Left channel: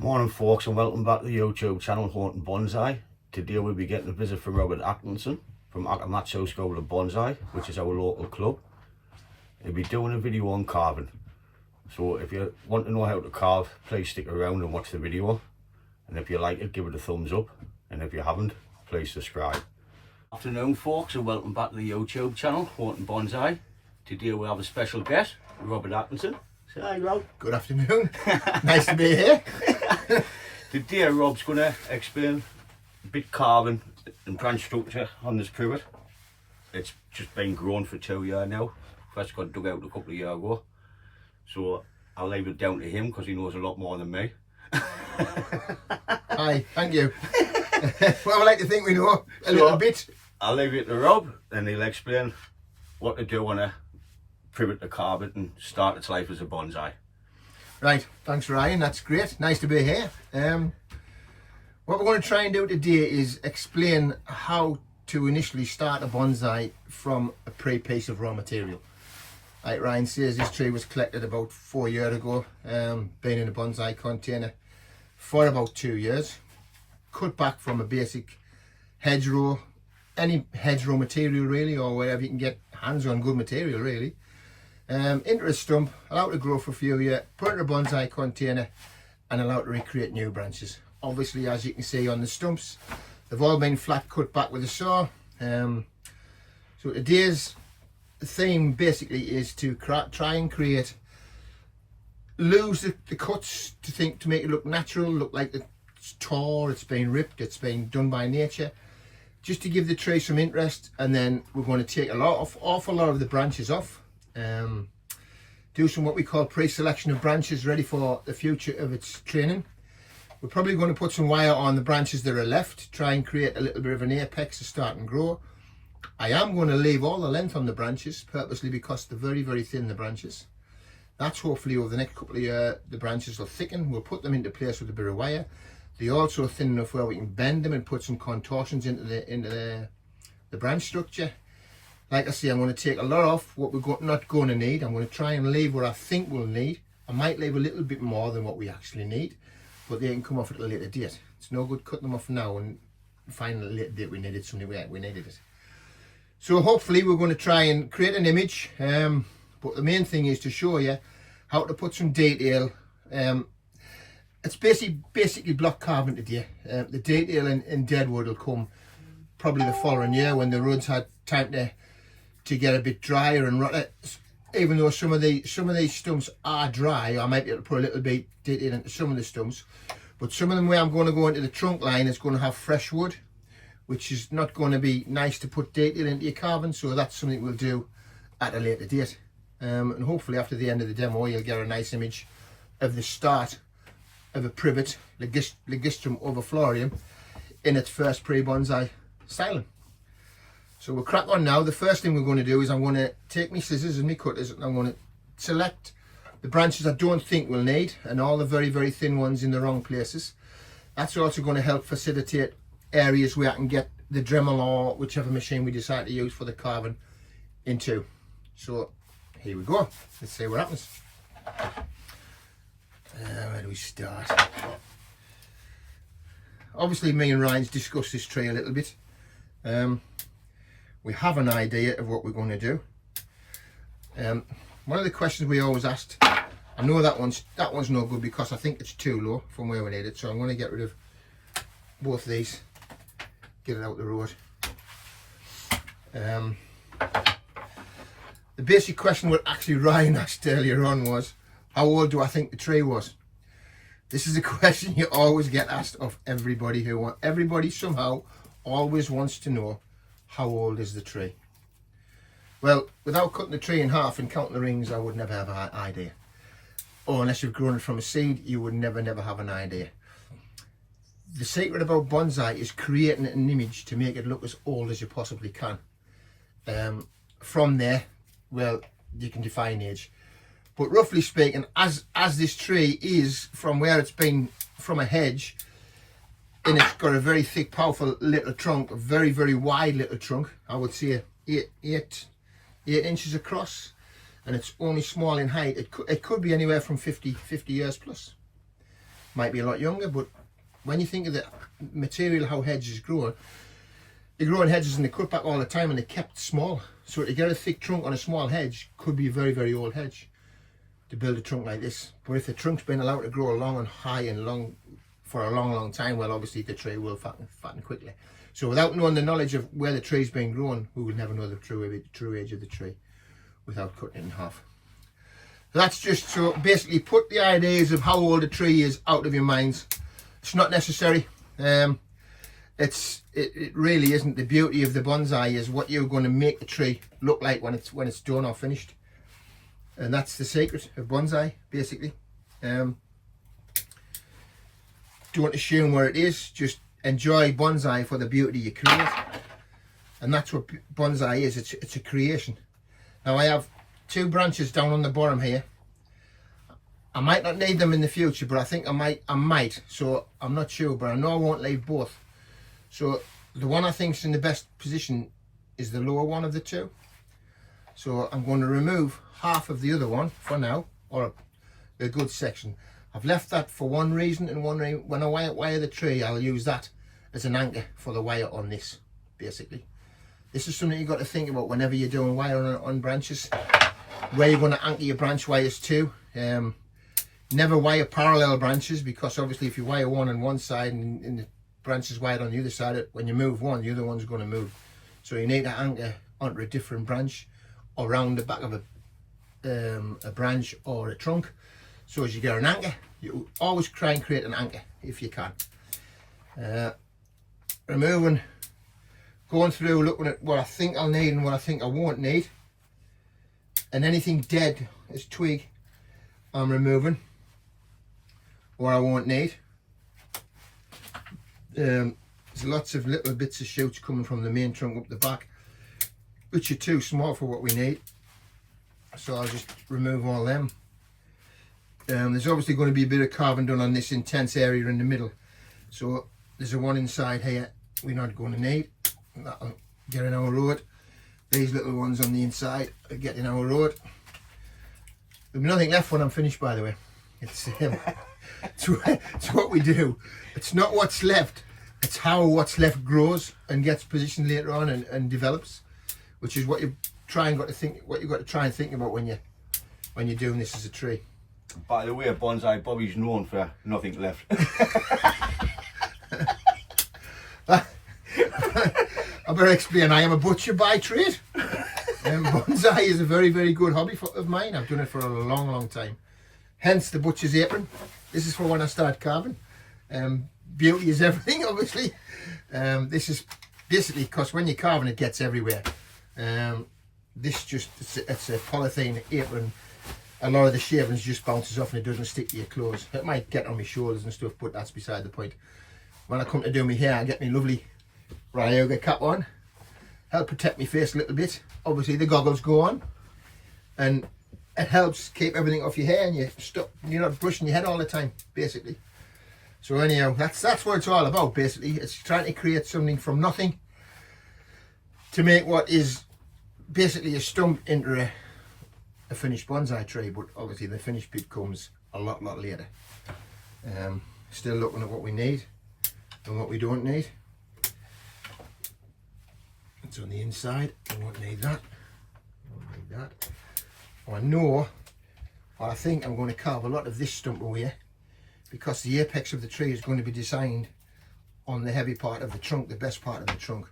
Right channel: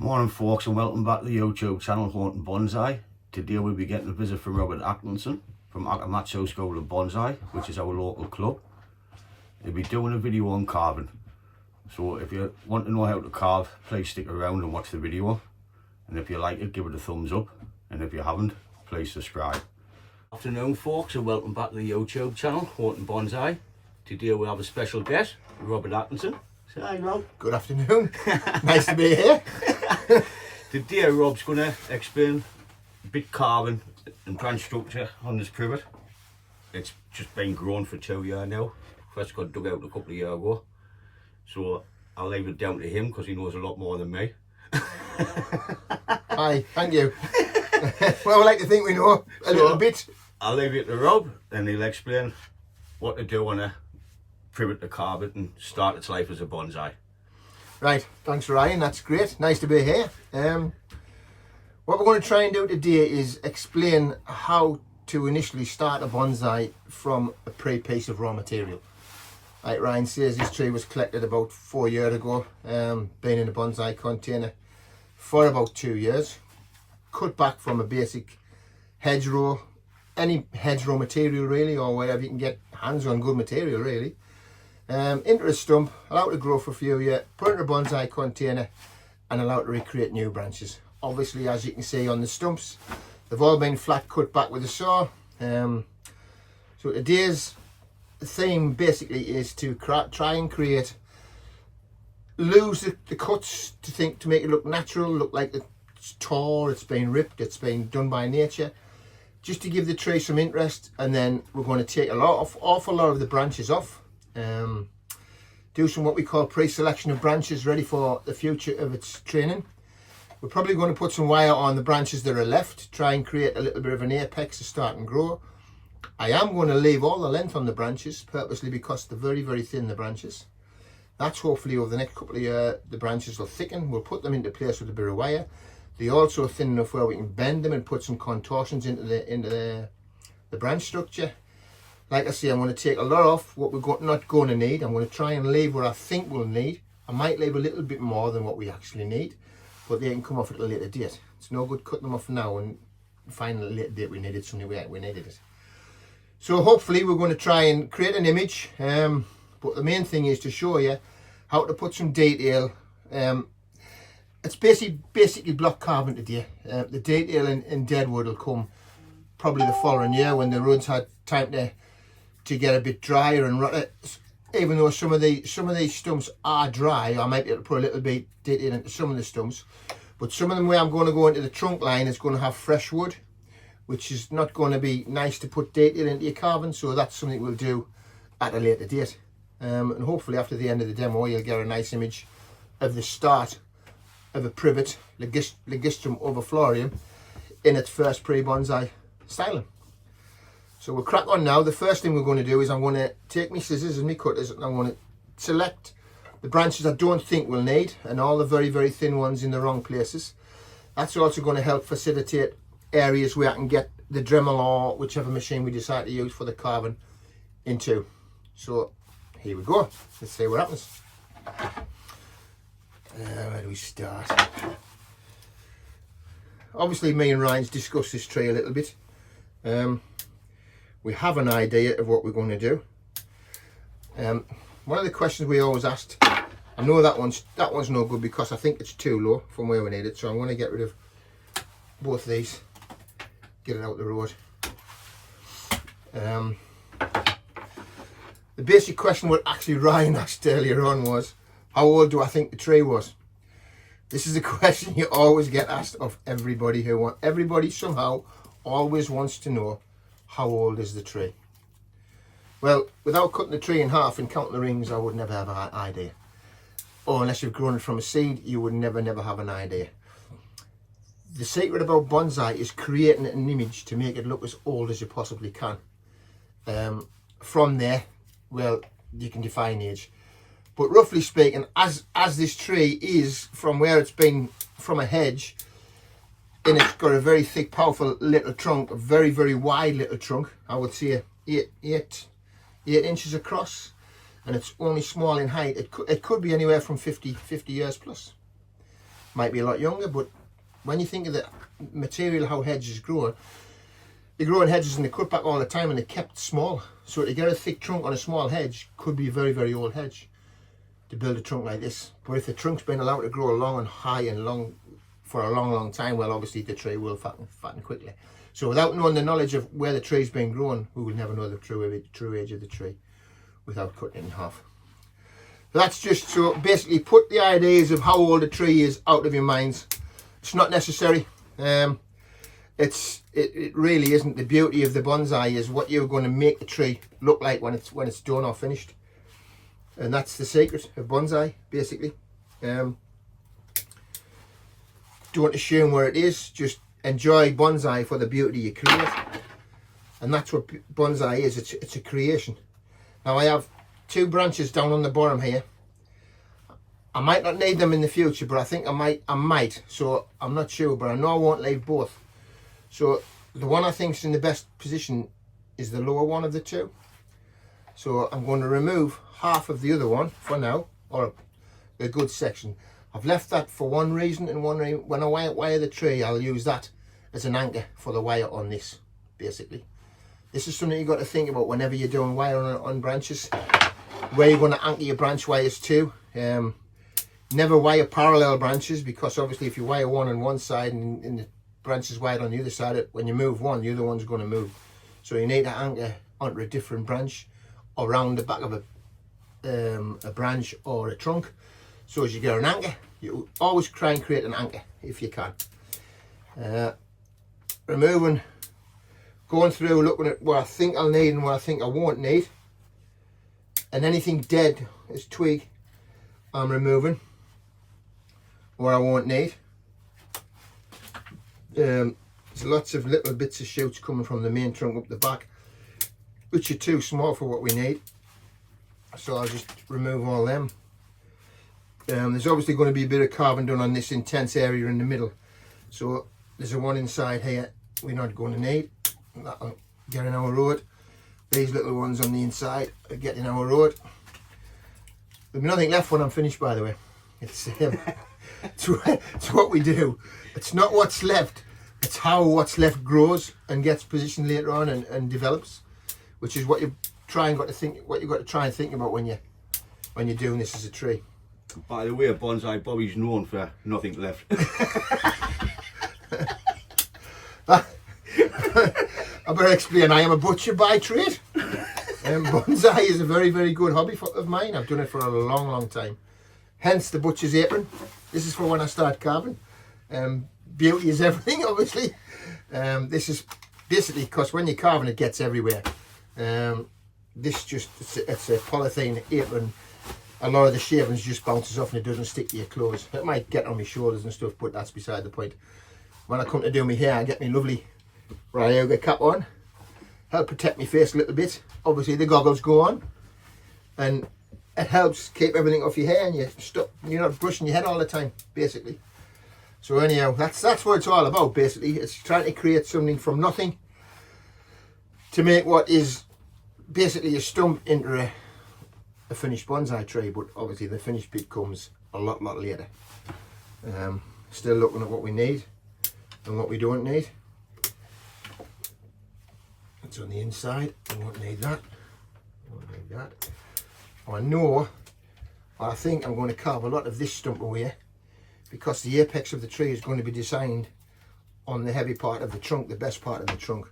Morning folks, and welcome back to the YouTube channel Haunting Bonsai. Today we'll be getting a visit from Robert Atkinson from Matsu School of Bonsai, which is our local club. He'll be doing a video on carving. So if you want to know how to carve, please stick around and watch the video. And if you like it, give it a thumbs up. And if you haven't, please subscribe. Afternoon folks, and welcome back to the YouTube channel Haunting Bonsai. Today we have a special guest, Robert Atkinson. Say hi, Rob. Good afternoon. Nice to be here. Today Rob's going to explain a bit carving and branch structure on this privet. It's just been grown for 2 years now. First got dug out a couple of years ago. So I'll leave it down to him because he knows a lot more than me. Hi, thank you. Well, I like to think we know a little bit. I'll leave it to Rob and he'll explain what to do on a privet to carve it and start its life as a bonsai. Right, thanks Ryan, that's great. Nice to be here. What we're going to try and do today is explain how to initially start a bonsai from a pre-piece of raw material. Like Ryan says, this tree was collected about 4 years ago, been in a bonsai container for about 2 years. Cut back from a basic hedgerow, any hedgerow material really, or wherever you can get hands on good material really. Into a stump, allowed to grow for a few years, put in a bonsai container and allowed to recreate new branches. Obviously, as you can see on the stumps, they've all been flat cut back with a saw. So today's theme basically is to try and create, lose the cuts to make it look natural, look like it's tore, it's been ripped, it's been done by nature, just to give the tree some interest. And then we're going to take awful lot of the branches off. Do some what we call pre-selection of branches ready for the future of its training. We're probably going to put some wire on the branches that are left, try and create a little bit of an apex to start and grow. I am going to leave all the length on the branches purposely because they're very, very thin, the branches. That's hopefully over the next couple of years the branches will thicken. We'll put them into place with a bit of wire. They're also thin enough where we can bend them and put some contortions into the branch structure. Like I say, I'm going to take a lot off what we're not going to need. I'm going to try and leave what I think we'll need. I might leave a little bit more than what we actually need, but they can come off at a later date. It's no good cutting them off now and finding at a later date we needed something we needed it. So hopefully we're going to try and create an image, but the main thing is to show you how to put some detail. It's basically block carving today. The detail in deadwood will come probably the following year when the roots had time to get a bit drier and rot. Even though some of these stumps are dry, I might be able to put a little bit detail into some of the stumps, but some of them where I'm going to go into the trunk line is going to have fresh wood, which is not going to be nice to put detail into your carving. So that's something we'll do at a later date, and hopefully after the end of the demo you'll get a nice image of the start of a privet Ligustrum overflorium in its first pre-bonsai styling. So we'll crack on now. The first thing we're going to do is I'm going to take my scissors and my cutters and I'm going to select the branches I don't think we'll need and all the very, very thin ones in the wrong places. That's also going to help facilitate areas where I can get the Dremel or whichever machine we decide to use for the carving into. So here we go. Let's see what happens. Where do we start? Obviously me and Ryan's discussed this tree a little bit. We have an idea of what we're going to do. One of the questions we always asked, I know that one's no good because I think it's too low from where we need it, so I'm going to get rid of both these, get it out the road. The basic question what actually Ryan asked earlier on was, how old do I think the tree was? This is a question you always get asked of everybody everybody somehow always wants to know, how old is the tree? Well, without cutting the tree in half and counting the rings, I would never have an idea. Or unless you've grown it from a seed, you would never have an idea. The secret about bonsai is creating an image to make it look as old as you possibly can. From there, well, you can define age. But roughly speaking, as this tree is from where it's been from a hedge, and it's got a very thick, powerful little trunk, a very, very wide little trunk. I would say 8 inches across, and it's only small in height. It could be anywhere from 50 years plus. might be a lot younger, but when you think of the material, how hedges grow, you're growing hedges and they cut back all the time and they're kept small. So to get a thick trunk on a small hedge could be a very, very old hedge to build a trunk like this. But if the trunk's been allowed to grow long and high and long for a long, long time, well, obviously the tree will fatten quickly. So without knowing the knowledge of where the tree's been grown, we will never know the true age of the tree without cutting it in half. So that's just to basically put the ideas of how old a tree is out of your minds. It's not necessary. It really isn't. The beauty of the bonsai is what you're going to make the tree look like when it's done or finished, and that's the secret of bonsai, basically. Don't assume where it is. Just enjoy bonsai for the beauty you create, and that's what bonsai is. It's a creation. Now I have 2 branches down on the bottom here. I might not need them in the future, but I think I might. So I'm not sure, but I know I won't leave both. So the one I think is in the best position is the lower one of the 2. So I'm going to remove half of the other one for now, or a good section. I've left that for one reason, and when I wire the tree, I'll use that as an anchor for the wire on this, basically. This is something you've got to think about whenever you're doing wire on branches, where you're going to anchor your branch wires to. Never wire parallel branches, because obviously if you wire one on one side and the branch is wired on the other side, when you move one, the other one's going to move. So you need to anchor onto a different branch or around the back of a branch or a trunk. So as you get an anchor, you always try and create an anchor if you can. Removing, going through, looking at what I think I'll need and what I think I won't need, and anything dead as twig I'm removing, what I won't need. There's lots of little bits of shoots coming from the main trunk up the back, which are too small for what we need, so I'll just remove all them. There's obviously going to be a bit of carving done on this intense area in the middle, so there's a one inside here we're not going to need. That'll get in our road. These little ones on the inside are getting our road. There'll be nothing left when I'm finished, by the way. It's what we do. It's not what's left, it's how what's left grows and gets positioned later on and develops, which is what you've got to try and think about when you're doing this as a tree. By the way, Bonsai Bobby's known for nothing left. I better explain, I am a butcher by trade. Bonsai is a very, very good hobby of mine. I've done it for a long, long time. Hence the butcher's apron. This is for when I start carving. Beauty is everything, obviously. This is basically because when you're carving, it gets everywhere. It's a polythene apron. A lot of the shavings just bounces off and it doesn't stick to your clothes. It might get on my shoulders and stuff, but that's beside the point. When I come to do my hair, I get my lovely Ryoga cap on. Help protect my face a little bit. Obviously the goggles go on, and it helps keep everything off your hair, and you're not brushing your head all the time, basically. So anyhow, that's what it's all about, basically. It's trying to create something from nothing to make what is basically a stump into a finished bonsai tree, but obviously the finished bit comes a lot later. Still looking at what we need and what we don't need. It's on the inside. I won't need that. I won't need that. I think I'm going to carve a lot of this stump away, because the apex of the tree is going to be designed on the heavy part of the trunk, the best part of the trunk.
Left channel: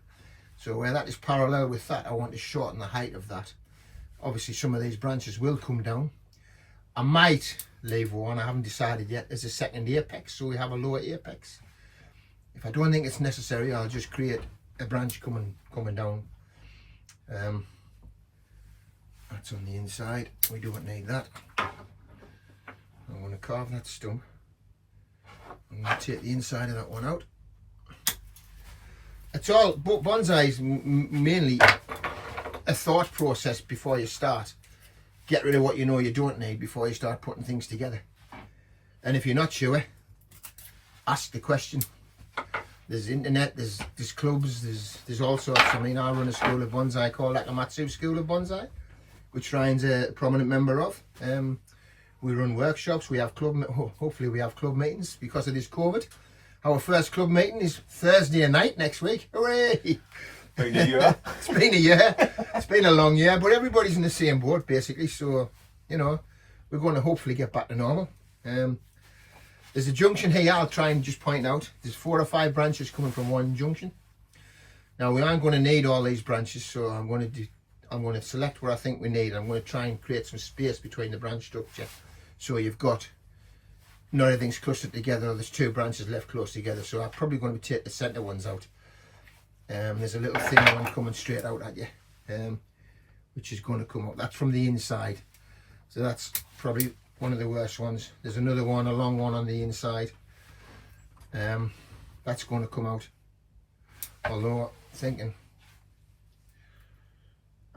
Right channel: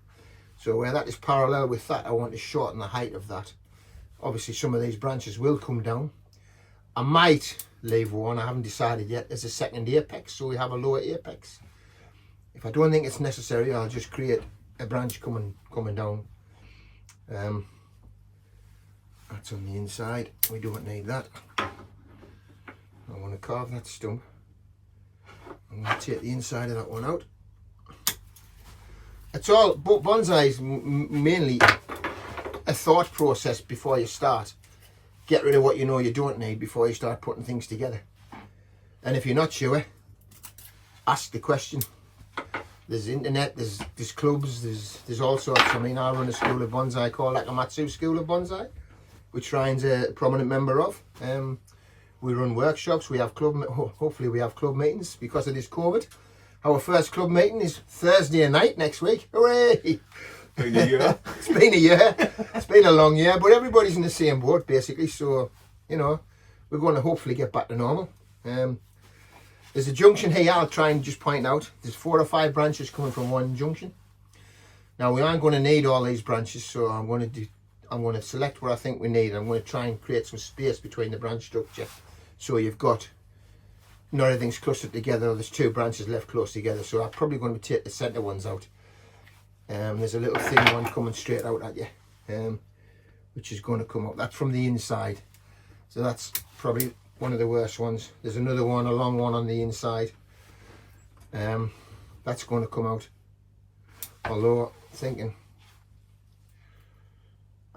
So where that is parallel with that, I want to shorten the height of that. Obviously some of these branches will come down. I might leave one, I haven't decided yet, as a second apex, so we have a lower apex. If I don't think it's necessary, I'll just create a branch coming down. That's on the inside, we don't need that. I want to carve that stump. I'm going to take the inside of that one out. It's all, but bonsai is mainly a thought process before you start. Get rid of what you know you don't need before you start putting things together. And if you're not sure, ask the question. There's internet, there's clubs, there's all sorts. I mean, I run a school of bonsai called like a Matsu School of Bonsai, which Ryan's a prominent member of. We run workshops, we have hopefully we have club meetings because of this COVID. Our first club meeting is Thursday night next week. Hooray! Been a year. It's been a year. It's been a long year, but everybody's in the same boat basically. So, you know, we're going to hopefully get back to normal. There's a junction here I'll try and just point out. There's 4 or 5 branches coming from one junction. Now we aren't going to need all these branches, so I'm going to select what I think we need. I'm going to try and create some space between the branch structure, so you've got not everything's clustered together. There's 2 branches left close together, so I'm probably going to take the centre ones out. There's a little thin one coming straight out at you, which is going to come up. That's from the inside, so that's probably one of the worst ones. There's another one, a long one on the inside. That's going to come out. Although thinking,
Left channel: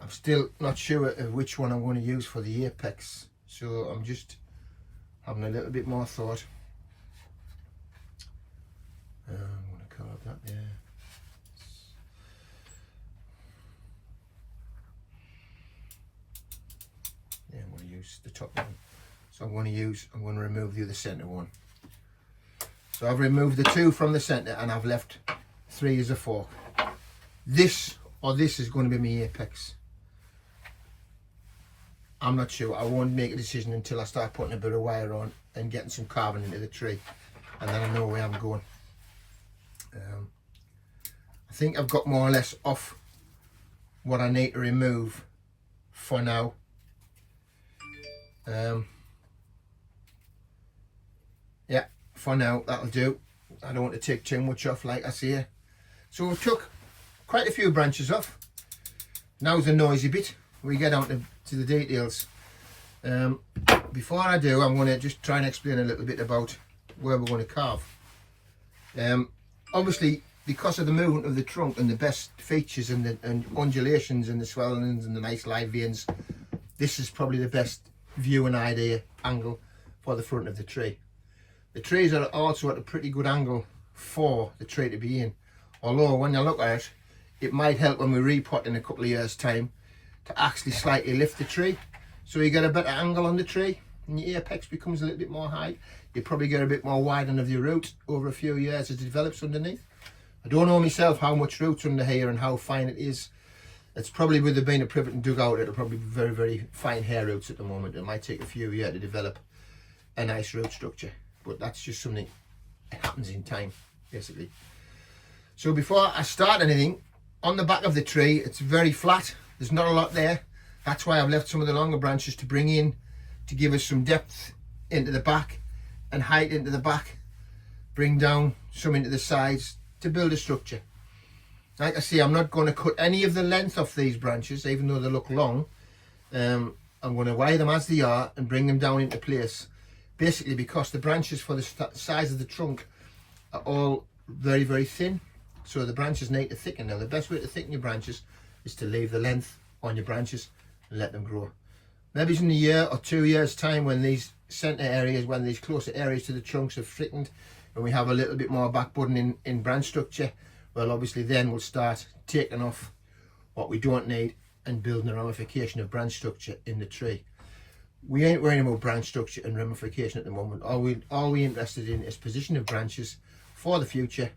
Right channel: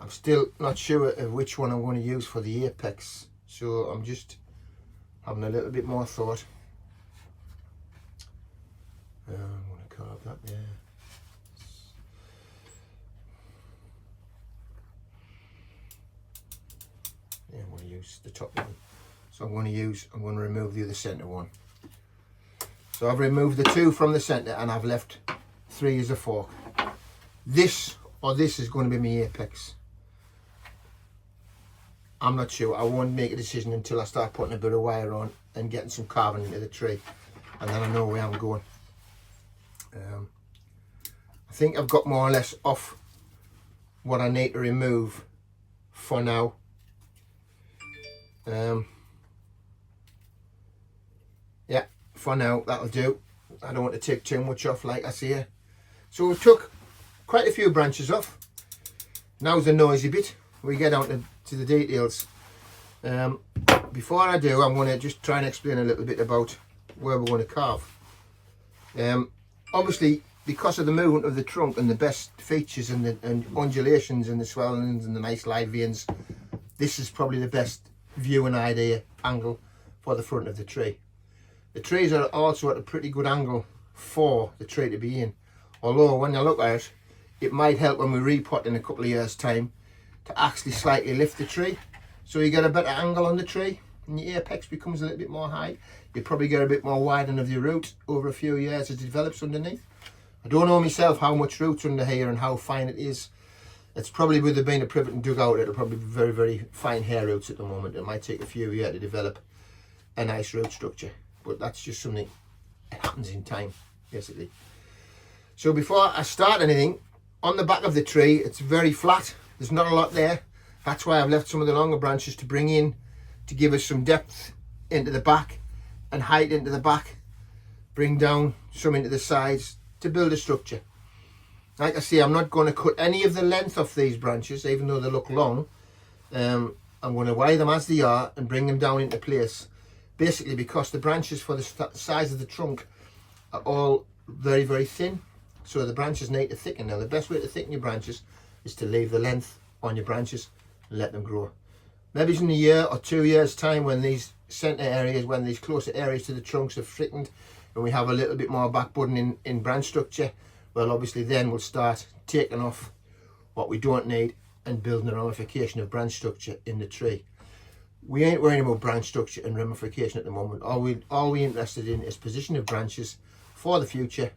I'm still not sure of which one I'm going to use for the apex, so I'm just having a little bit more thought. I'm going to carve that there. Yeah, I'm going to use the top one. So I'm going to remove the other centre one. So I've removed the 2 from the centre and I've left 3 as a fork. This is going to be my apex. I'm not sure. I won't make a decision until I start putting a bit of wire on and getting some carving into the tree, and then I know where I'm going. I think I've got more or less off what I need to remove for now. Yeah, for now that'll do. I don't want to take too much off, like I say. So we took quite a few branches off. Now's the noisy bit. We get down to the details. Before I do, I'm going to just try and explain a little bit about where we're going to carve. Obviously, because of the movement of the trunk and the best features and the undulations and the swellings and the nice live veins, this is probably the best viewing angle for the front of the tree. The trees are also at a pretty good angle for the tree to be in. Although when you look at it, it might help when we repot in a couple of years' time to actually slightly lift the tree, so you get a better angle on the tree and your apex becomes a little bit more high. You probably get a bit more widening of your root over a few years as it develops underneath. I don't know myself how much root's under here and how fine it is. It's probably with there being a privet and dug out, it'll probably be very, very fine hair roots at the moment. It might take a few years to develop a nice root structure, but that's just something that happens in time, basically. So before I start anything, on the back of the tree, it's very flat. There's not a lot there. That's why I've left some of the longer branches to bring in, to give us some depth into the back and height into the back. Bring down some into the sides to build a structure. Like I say, I'm not going to cut any of the length of these branches, even though they look long. I'm going to wire them as they are and bring them down into place. Basically because the branches for the size of the trunk are all very, very thin. So the branches need to thicken. Now the best way to thicken your branches is to leave the length on your branches and let them grow. Maybe in a year or 2 years time, when these centre areas, when these closer areas to the trunks have thickened and we have a little bit more back budding in branch structure, well obviously then we'll start taking off what we don't need and building a ramification of branch structure in the tree. We ain't worrying about branch structure and ramification at the moment. All we're interested in is position of branches for the future,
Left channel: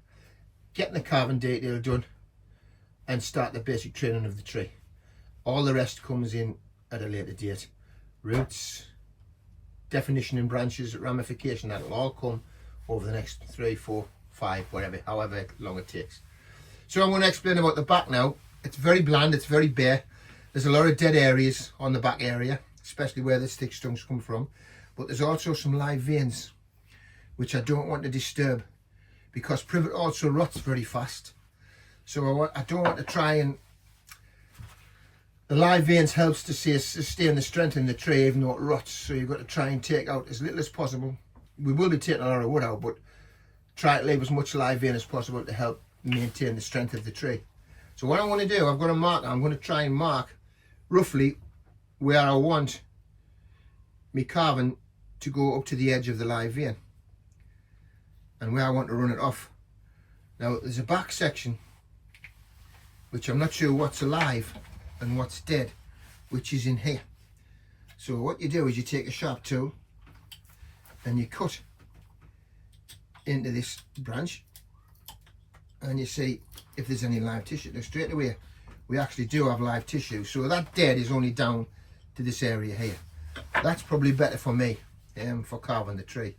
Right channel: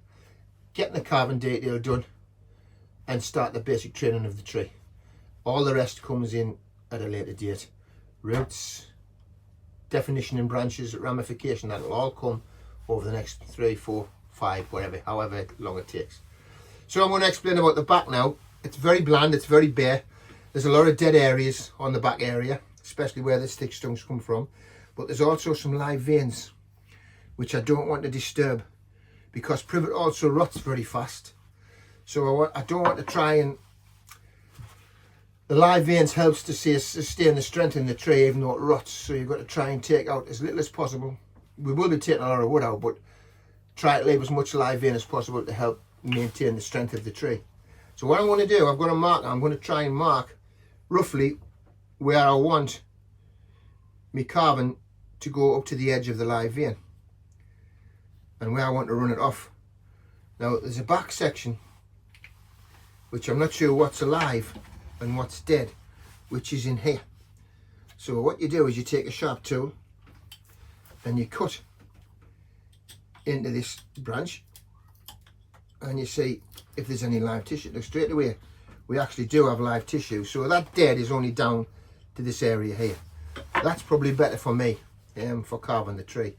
getting the carving detail done and start the basic training of the tree. All the rest comes in at a later date. Roots, definition in branches, ramification, that'll all come over the next 3, 4, 5, whatever, however long it takes. So I'm going to explain about the back now. It's very bland, it's very bare. There's a lot of dead areas on the back area, especially where the stick stumps come from. But there's also some live veins, which I don't want to disturb, because privet also rots very fast. So I don't want to try and... The live veins helps to sustain the strength in the tree even though it rots. So you've got to try and take out as little as possible. We will be taking a lot of wood out, but try to leave as much live vein as possible to help maintain the strength of the tree. So what I'm going to do, I'm going to mark, I'm going to try and mark roughly where I want my carving to go up to the edge of the live vein and where I want to run it off. Now there's a back section which I'm not sure what's alive and what's dead, which is in here. So what you do is you take a sharp tool and you cut into this branch, and you see if there's any live tissue. Now straight away we actually do have live tissue, so that dead is only down to this area here. That's probably better for me for carving the tree.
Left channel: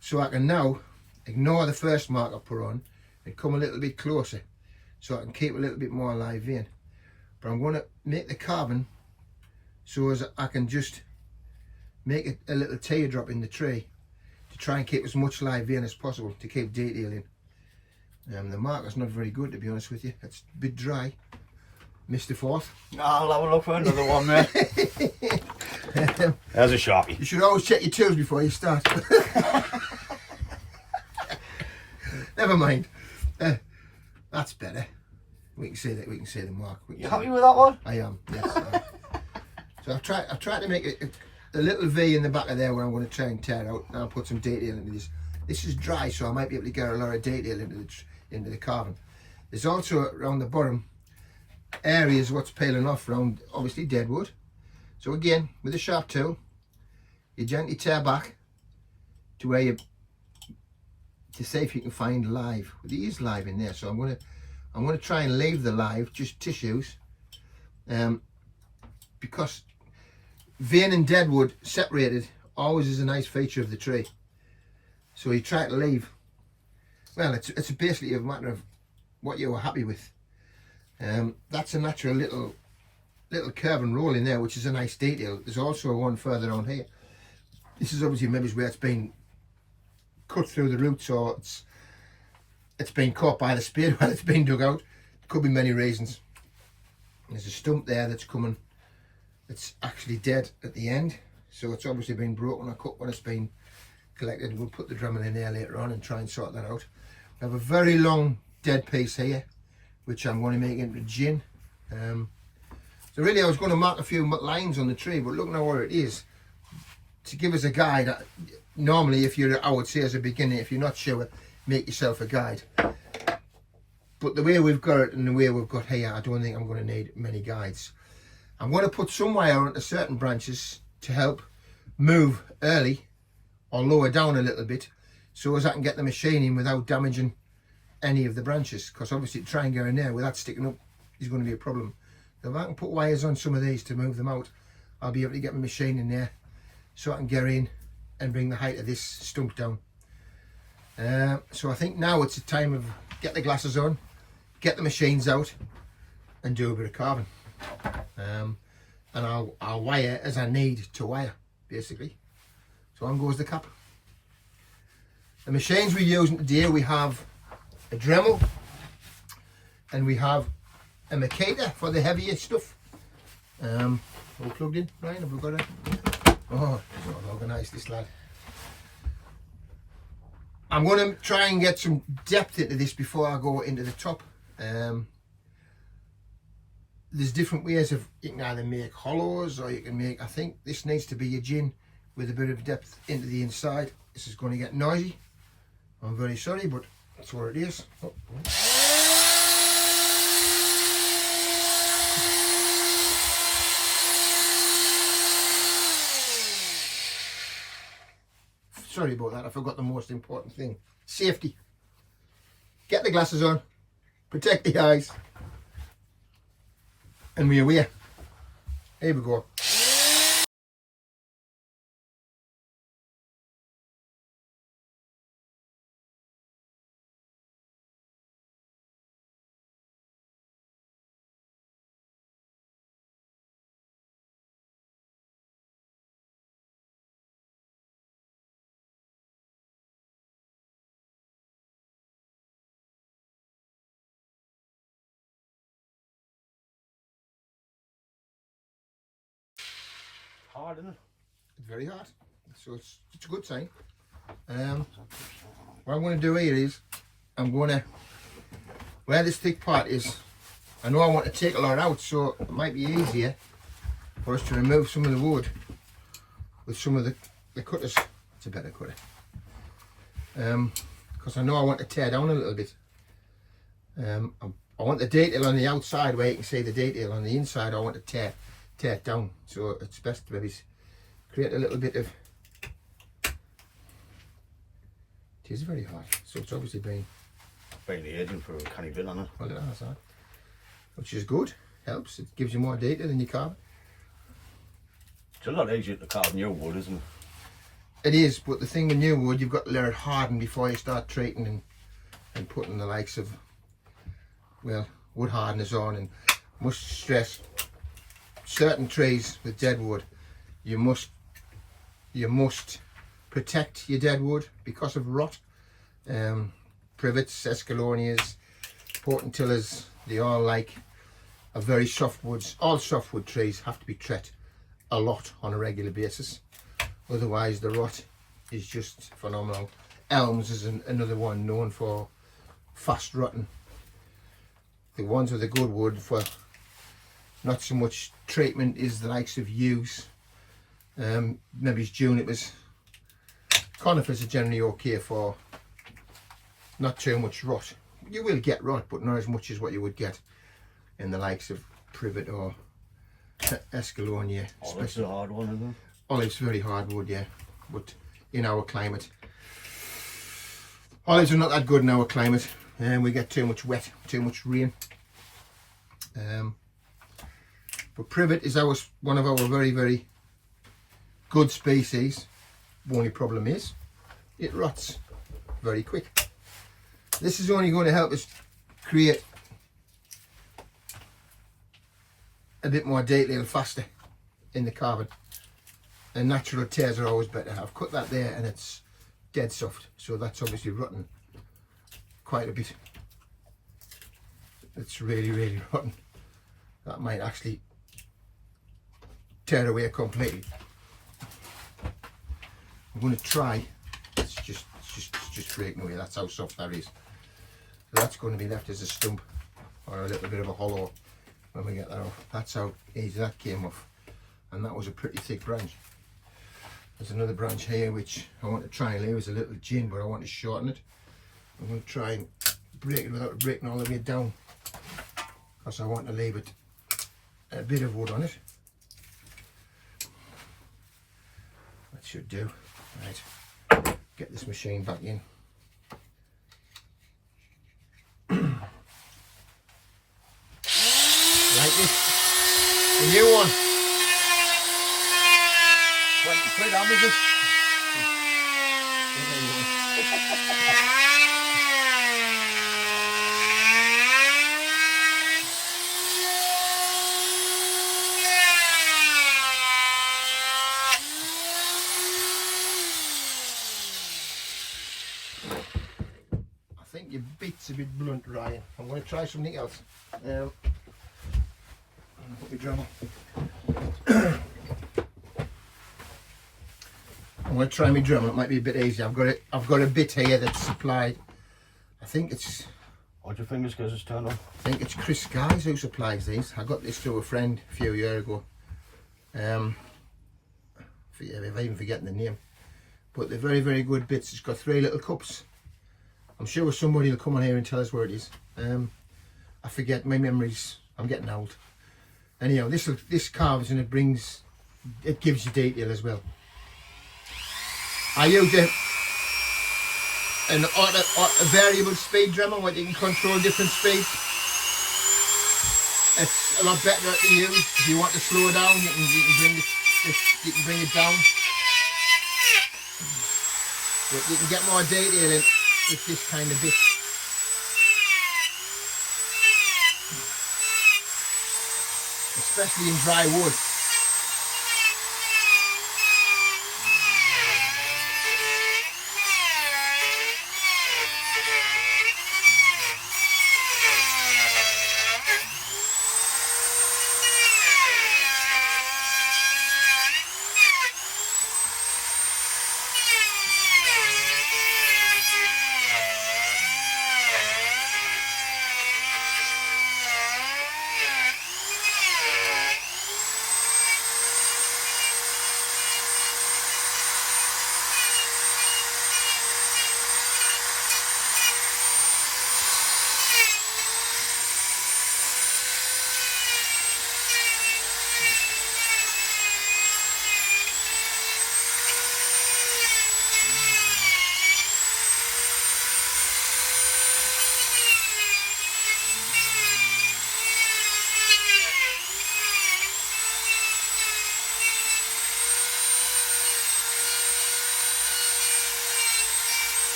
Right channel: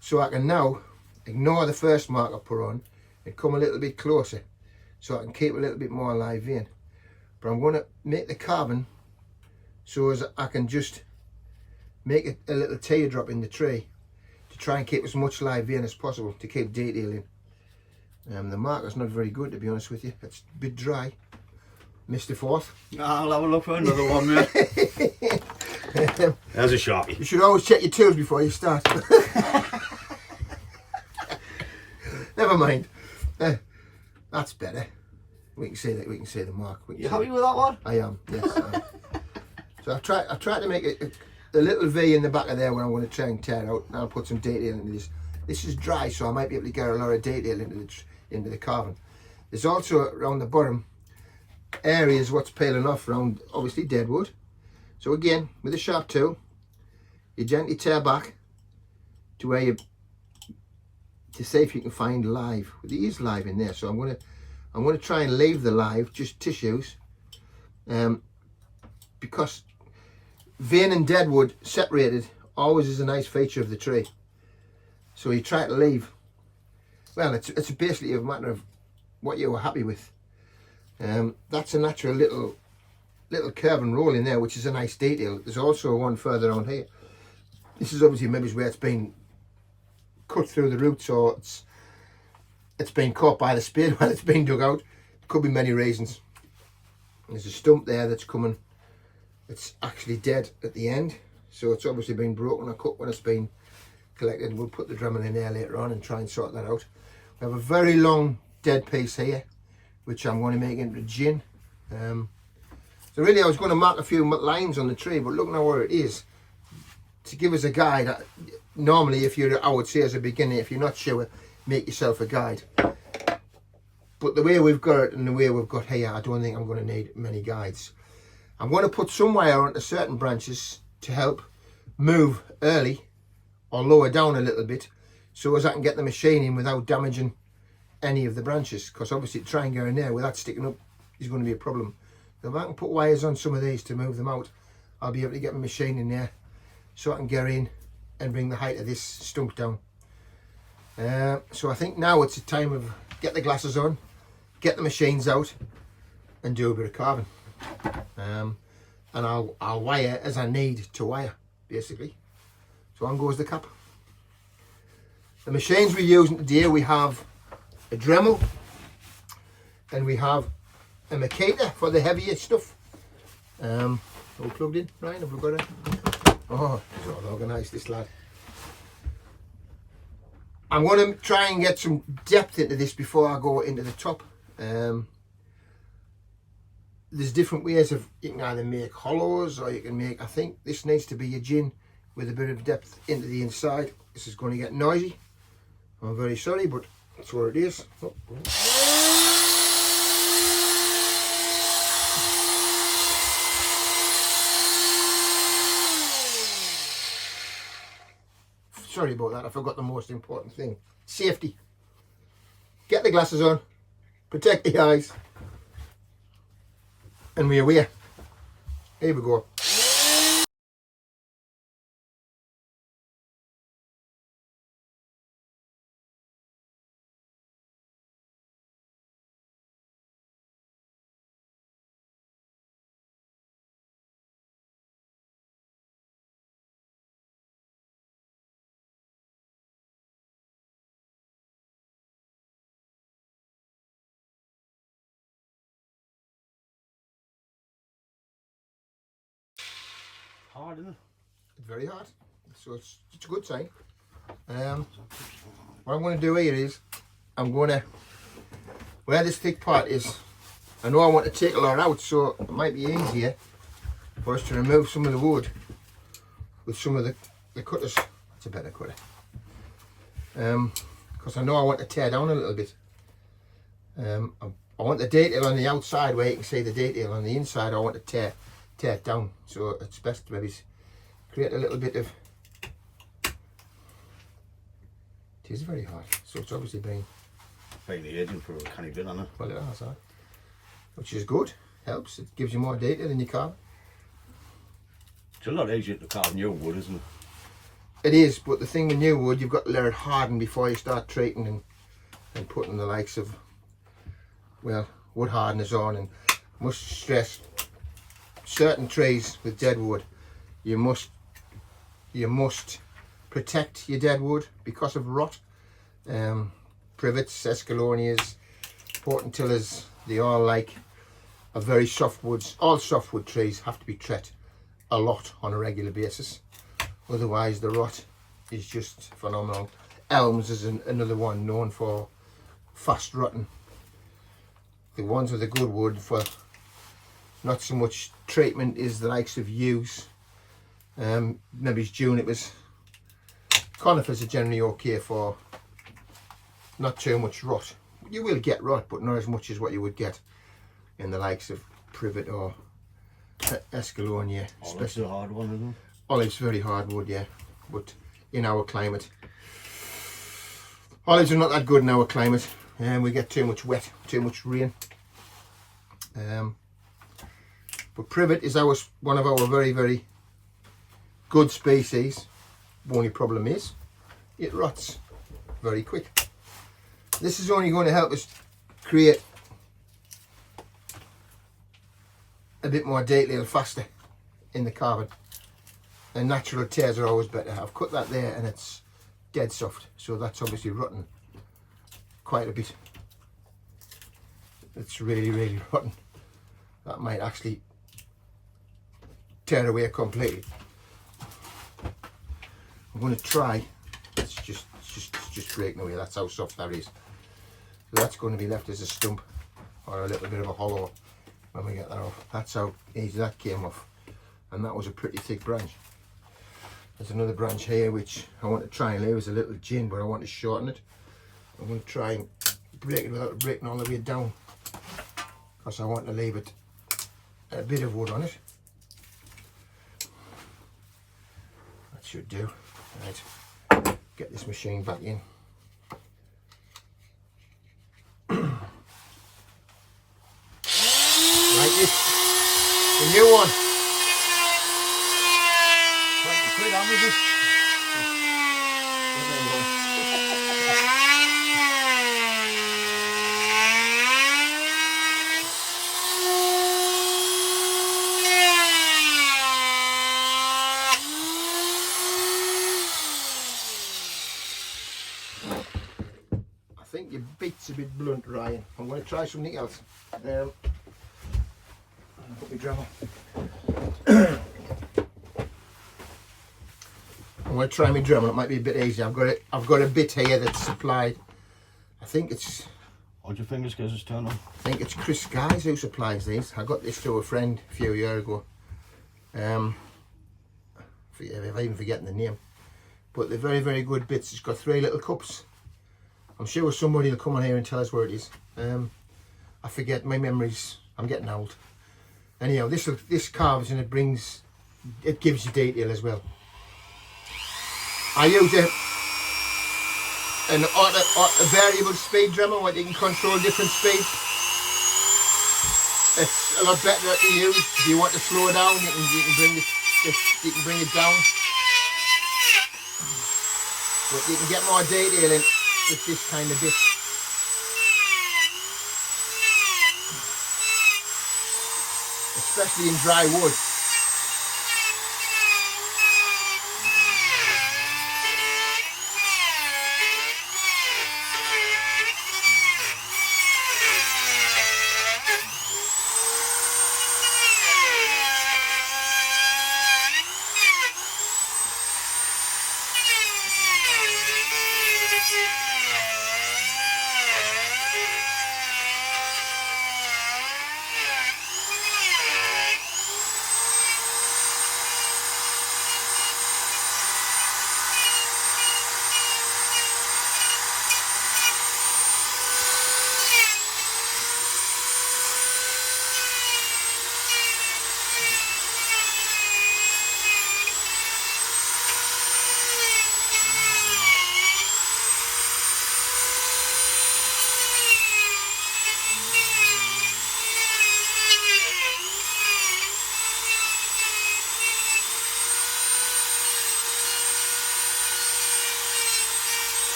So I can now ignore the first mark I put on and come a little bit closer so I can keep a little bit more live vein. But I'm going to make the carving so as I can just make a little teardrop in the tree to try and keep as much live vein as possible to keep detailing. The marker's not very good, to be honest with you. It's a bit dry. Missed the fourth. I'll have a look for another one, mate. There's a Sharpie. You should always check your tools before you start. Never mind. That's better. We can see that. We can see the mark. You happy with that one? I am. Yes. So I've tried to make a little V in the back of there where I'm going to try and tear out, and I'll put some detail into this. This is dry, so I might be able to get a lot of detail into the carving. There's also around the bottom areas what's peeling off around, obviously, dead wood. So again, with a sharp tool, you gently tear back to where you, to see if you can find live. Well, there is live in there, so I'm going to try and leave the live, just tissues, because vein and dead wood separated always is a nice feature of the tree. So you try to leave. Well, it's basically a matter of what you were happy with. That's a natural little curve and roll in there, which is a nice detail. There's also one further on here. This is obviously maybe where it's been cut through the roots, or it's been caught by the spade while it's been dug out. Could be many reasons. There's a stump there that's coming. It's actually dead at the end, so it's obviously been broken or cut when it's been collected. We'll put the Dremel in there later on and try and sort that out. We have a very long dead piece here, which I'm going to make into gin. So really I was going to mark a few lines on the tree, but look now what it is. To give us a guide, normally if you're, I would say as a beginner, if you're not sure, make yourself a guide. But the way we've got it and the way we've got here, I don't think I'm going to need many guides. I'm going to put some wire onto certain branches to help move early or lower down a little bit, so as I can get the machining without damaging any of the branches, because obviously to try and go in there without sticking up is going to be a problem. So if I can put wires on some of these to move them out, I'll be able to get my machine in there so I can get in and bring the height of this stump down. So I think now it's a time of get the glasses on, get the machines out and do a bit of carving. And I'll wire as I need to wire, basically. So on goes the cap. The machines we're using today, we have a Dremel and we have a Makita for the heavier stuff. All plugged in, Ryan, have we got it? Oh, he's all organised, this lad. I'm going to try and get some depth into this before I go into the top. There's different ways of, you can either make hollows or you can make, I think this needs to be a gin with a bit of depth into the inside. This is going to get noisy. I'm very sorry, but that's what it is. Oh. Sorry about that, I forgot the most important thing. Safety. Get the glasses on, protect the eyes, and we're away. Here we go. Hard, isn't it? It's very hard, so it's a good sign. What I'm going to do here is, I'm going to, where this thick part is, I know I want to take a lot out, so it might be easier for us to remove some of the wood with some of the cutters. It's a better cutter. Because I know I want to tear down a little bit. I want the detail on the outside where you can see the detail. On the inside I want to tear it down, so it's best to maybe create a little bit of It is very high, so it's obviously been aging for a canny bit on it. well, it has that, which is good. Helps. It gives you more detail in your carve. It's a lot easier to carve new wood, isn't it? It is, but the thing with new wood, you've got to let it harden before you start treating and putting the likes of, well, wood hardeners on. And must stress, certain trees with dead wood, you must protect your dead wood because of rot. Privets, escalonias, portentillers, they all like are very soft woods. All softwood trees have to be treated a lot on a regular basis. Otherwise the rot is just phenomenal. Elms is another one known for fast rotting. The ones with the good wood for not so much treatment is the likes of yews, maybe junipers. Conifers are generally okay for not too much rot. You will get rot, but not as much as what you would get in the likes of privet or escalonia. Olive's a hard one, isn't it? Olive's very hard wood, yeah, but in our climate, olives are not that good in our climate, and we get too much wet, too much rain. But privet is one of our very, very good species. The only problem is it rots very quick. This is only going to help us create a bit more detail faster in the carving. And natural tears are always better. I've cut that there and it's dead soft, so that's obviously rotten quite a bit. It's really, really rotten. That might actually tear away completely. I'm going to try. It's just breaking away. That's how soft that is. So that's going to be left as a stump or a little bit of a hollow when we get that off. That's how easy that came off, and that was a pretty thick branch. There's another branch here which I want to try and leave as a little gin, but I want to shorten it. I'm going to try and break it without breaking all the way down, because I want to leave it a bit of wood on it. That should do. Right, get this machine back in. Right, this, the new one. £20, how much is it? I think your bit's a bit blunt, Ryan. I'm going to try something else. Put my drum. I'm going to try my drum. It might be a bit easier. I've got a bit here that's supplied. I think it's. Hold your fingers because it's turned on. I think it's Chris Skies who supplies these. I got this to a friend a few years ago. I'm even forgetting the name. But they're very, very good bits. It's got 3 little cups. I'm sure somebody will come on here and tell us where it is. I forget, my memories. I'm getting old. Anyhow, this carves and it gives you detail as well. I use a variable speed drummer where you can control different speeds. It's a lot better to use. If you want to slow down, you can bring it down. But you can get more detail in with this kind of bit. Especially in dry wood.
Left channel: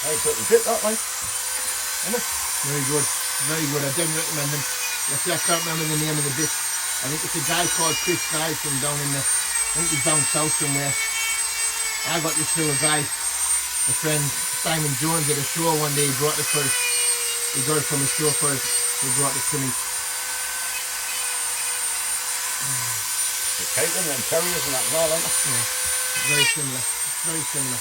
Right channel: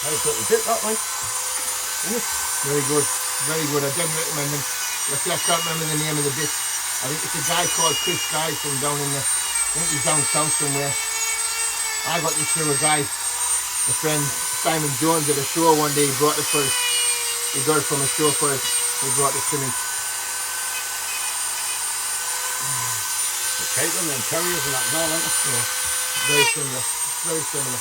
Nice little bit that, like. Isn't it? Very good, very good. I don't recommend them. I can't remember the name of the bit. I think it's a guy called Chris Guy from down in the, I think he's down south somewhere. I got this through a guy, a friend, Simon Jones, at a show one day. He brought it for us. He got it from a show for us. He brought it to me. The Titan and terriers and that and all, isn't it? Yeah, very similar, very similar.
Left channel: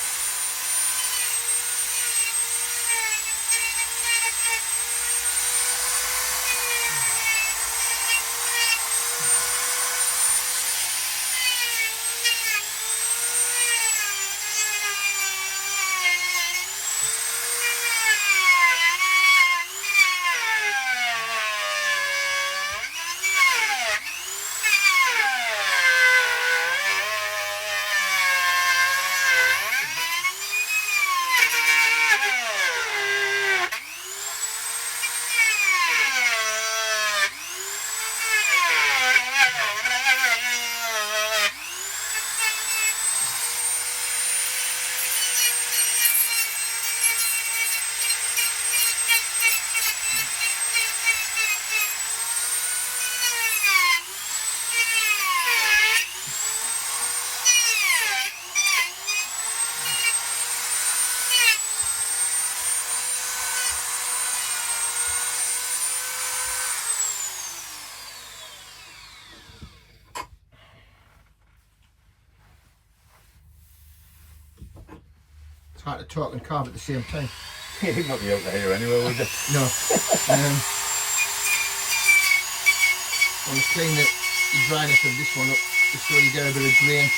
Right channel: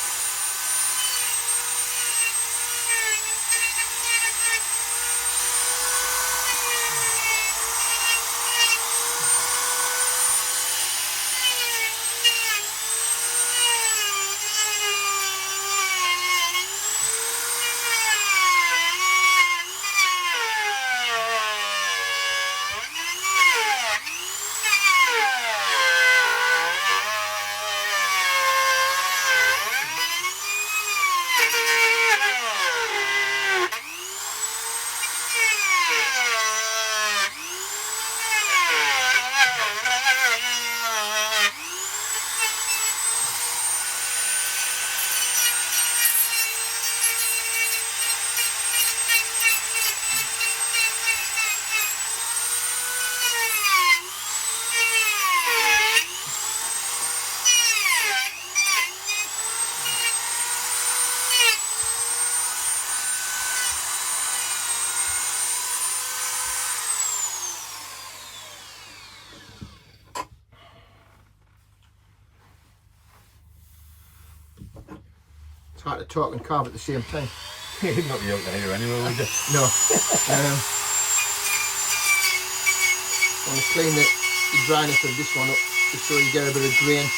It's hard to talk and carve at the same time. You'd not be able to hear anyway, would you? No. I'm going to clean the dryness of this one up just so you get a bit of grain.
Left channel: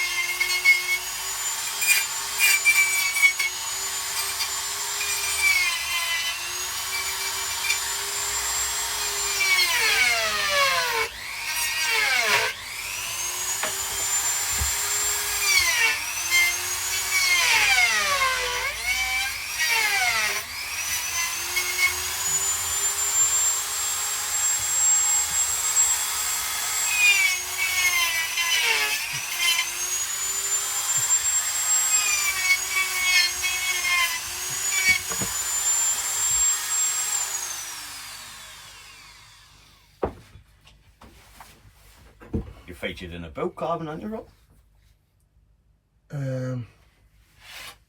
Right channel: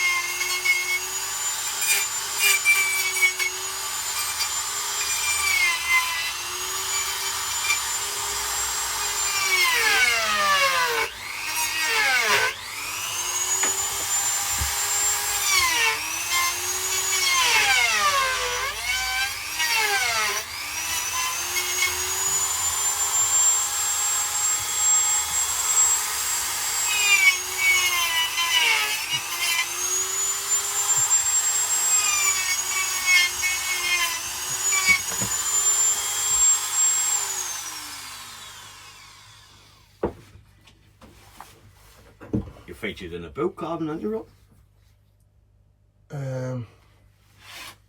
Featured in a book carving, aren't you, Rob?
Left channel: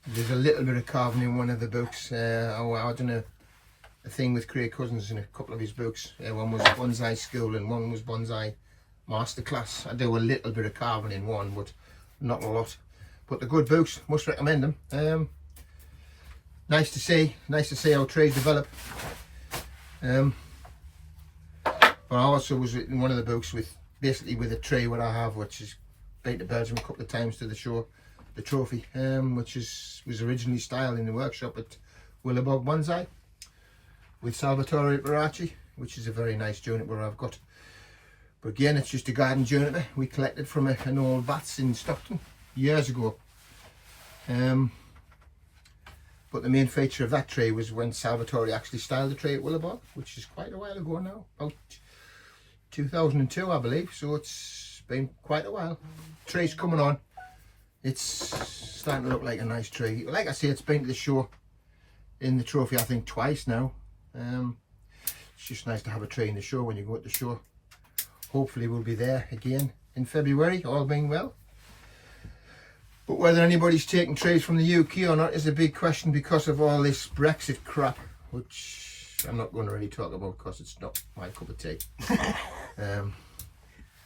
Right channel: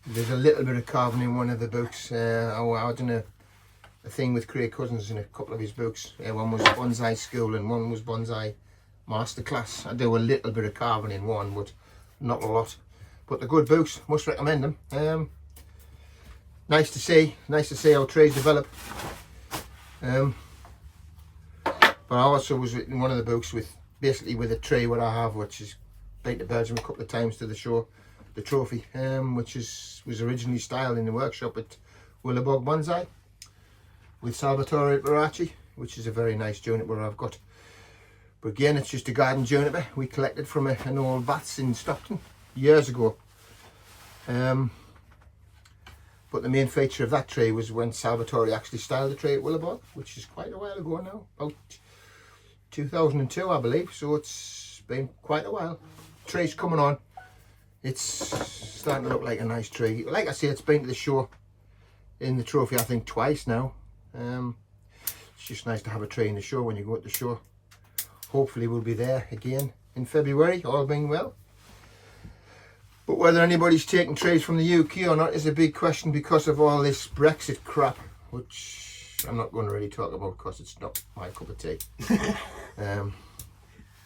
There's a little bit of carving in one of the books. I done a thing with Craig Cousins in a couple of his books. One was Bonsai School and one was Bonsai Masterclass. I do a little bit of carving in one, but not a lot. But they're good books, must recommend them. Nice to see how trays develop. But I also was in one of the books with basically with a tray what I have, which is been to Belgium a couple of times to the show, the trophy, which was originally styled in the workshop at Willowbog Bonsai with Salvatore Barachi, which is a very nice juniper I've got. But again, it's just a garden juniper we collected from an old Vats in Stockton years ago. But the main feature of that tray was when Salvatore actually styled the tray at Willowbog, which is quite a while ago now, about 2002 I believe, so it's been quite a while. Tray's coming on, it's starting to look like a nice tray. Like I say, it's been to the show in the trophy I think twice now. It's just nice to have a tray in the show when you go to the show. Hopefully we'll be there again in February, all being well. But whether anybody's taking trays from the UK or not is a big question because of all this Brexit crap, which I'm not going to really talk about because it's not my cup of tea.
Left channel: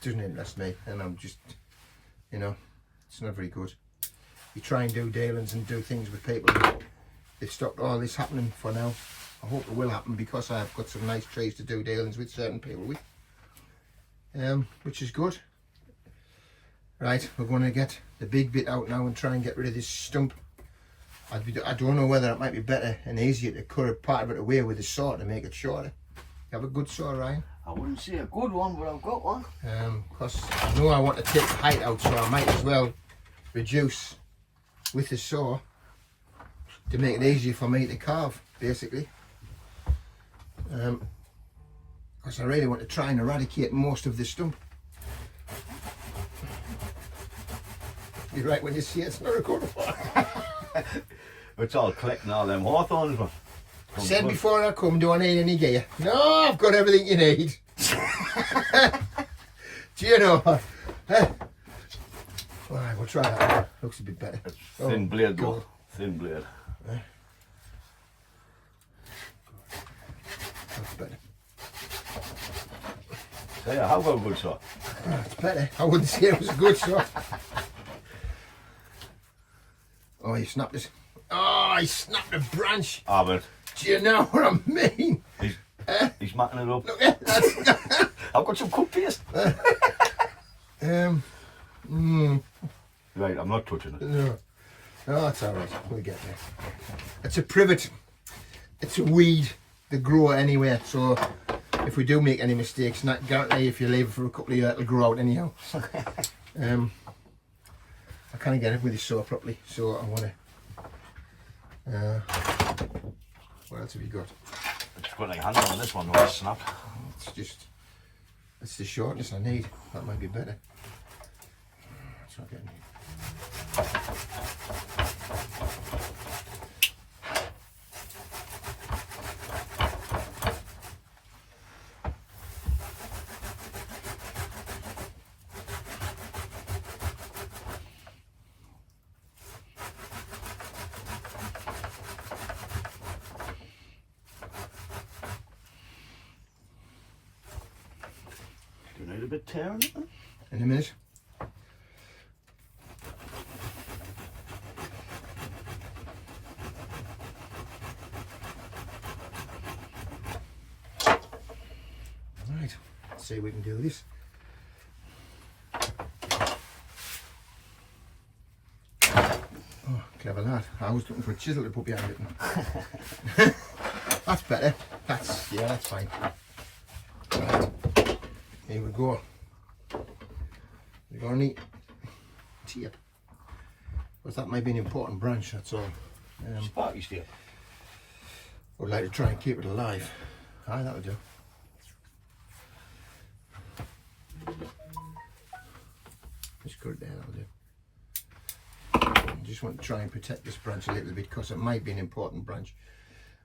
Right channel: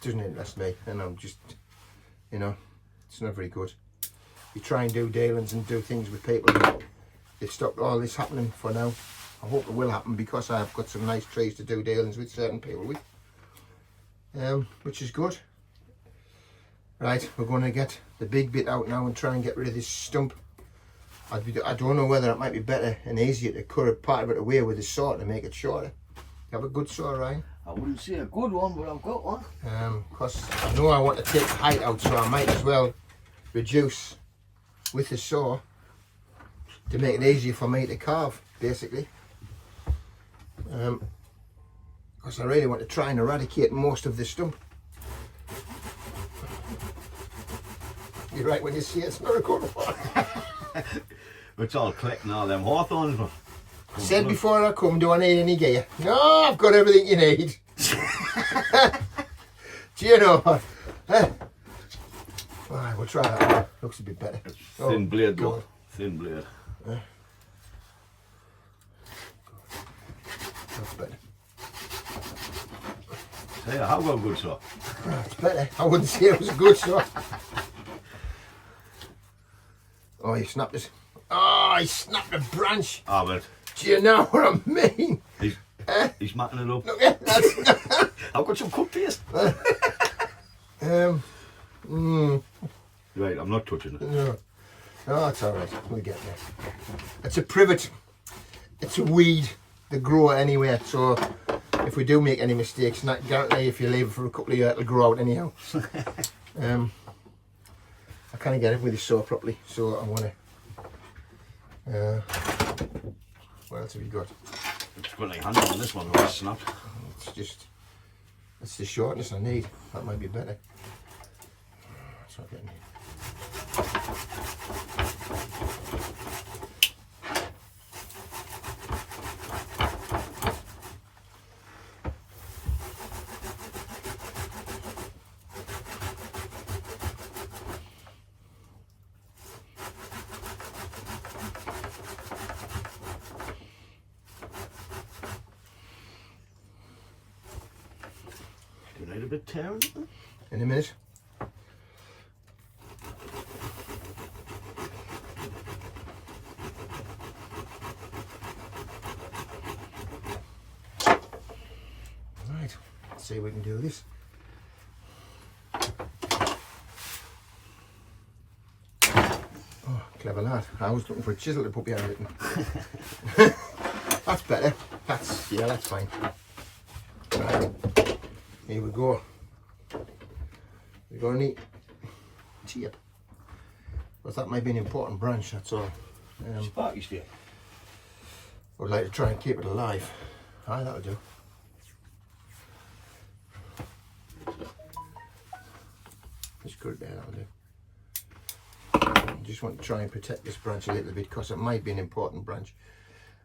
Doesn't interest me, and I'm just, you know, it's not very good. You try and do dealings and do things with people, and they've stopped all this happening for now. I hope it will happen because I've got some nice trays to do dealings with certain people with, which is good. Right, we're going to get the big bit out now and try and get rid of this stump. I don't know whether it might be better and easier to cut a part of it away with a saw to make it shorter. You have a good saw, Ryan? I wouldn't say a good one, but I've got one. Because I know I want to take the height out, so I might as well reduce with the saw to make it easier for me to carve, basically. Because I really want to try and eradicate most of the stump. You're right when you see it's not a good one. It's all clicking all them hawthorns. I said before I come, do I need any gear? No, I've got everything you need. Do you know? Alright, we'll try that one. Looks a bit better. Thin blade, God. look. Thin blade. Yeah. That's better. So yeah, how got a good saw? It's better. I wouldn't say it was a good shot. Oh, he snapped this. Oh, he snapped a branch. Ah, but Do you know what I mean? he's macking it up. Look at that. I've got some cooked taste. Right, I'm not touching it. No, that's alright. We'll get there. It's a privet. It's a weed. They grow anywhere. So if we do make any mistakes, not guarantee if you leave it for a couple of years, it'll grow out anyhow. I can't get it with the saw properly, so I want to. What else have you got? It's got like handle on this one, though, it's snapped. It's the shortness I need. That might be better. It's not getting. Do you need a bit tearing it? In a minute. Right, let's see if we can do this. Oh, clever lad. I was looking for a chisel to put behind it. That's better. That's fine. Right. Here we go. We're going to need tape. But that might be an important branch, that's all. Sparky still. I'd like to try and keep it alive. Aye, that'll do. Just good there, that'll do. I just want to try and protect this branch a little bit because it might be an important branch.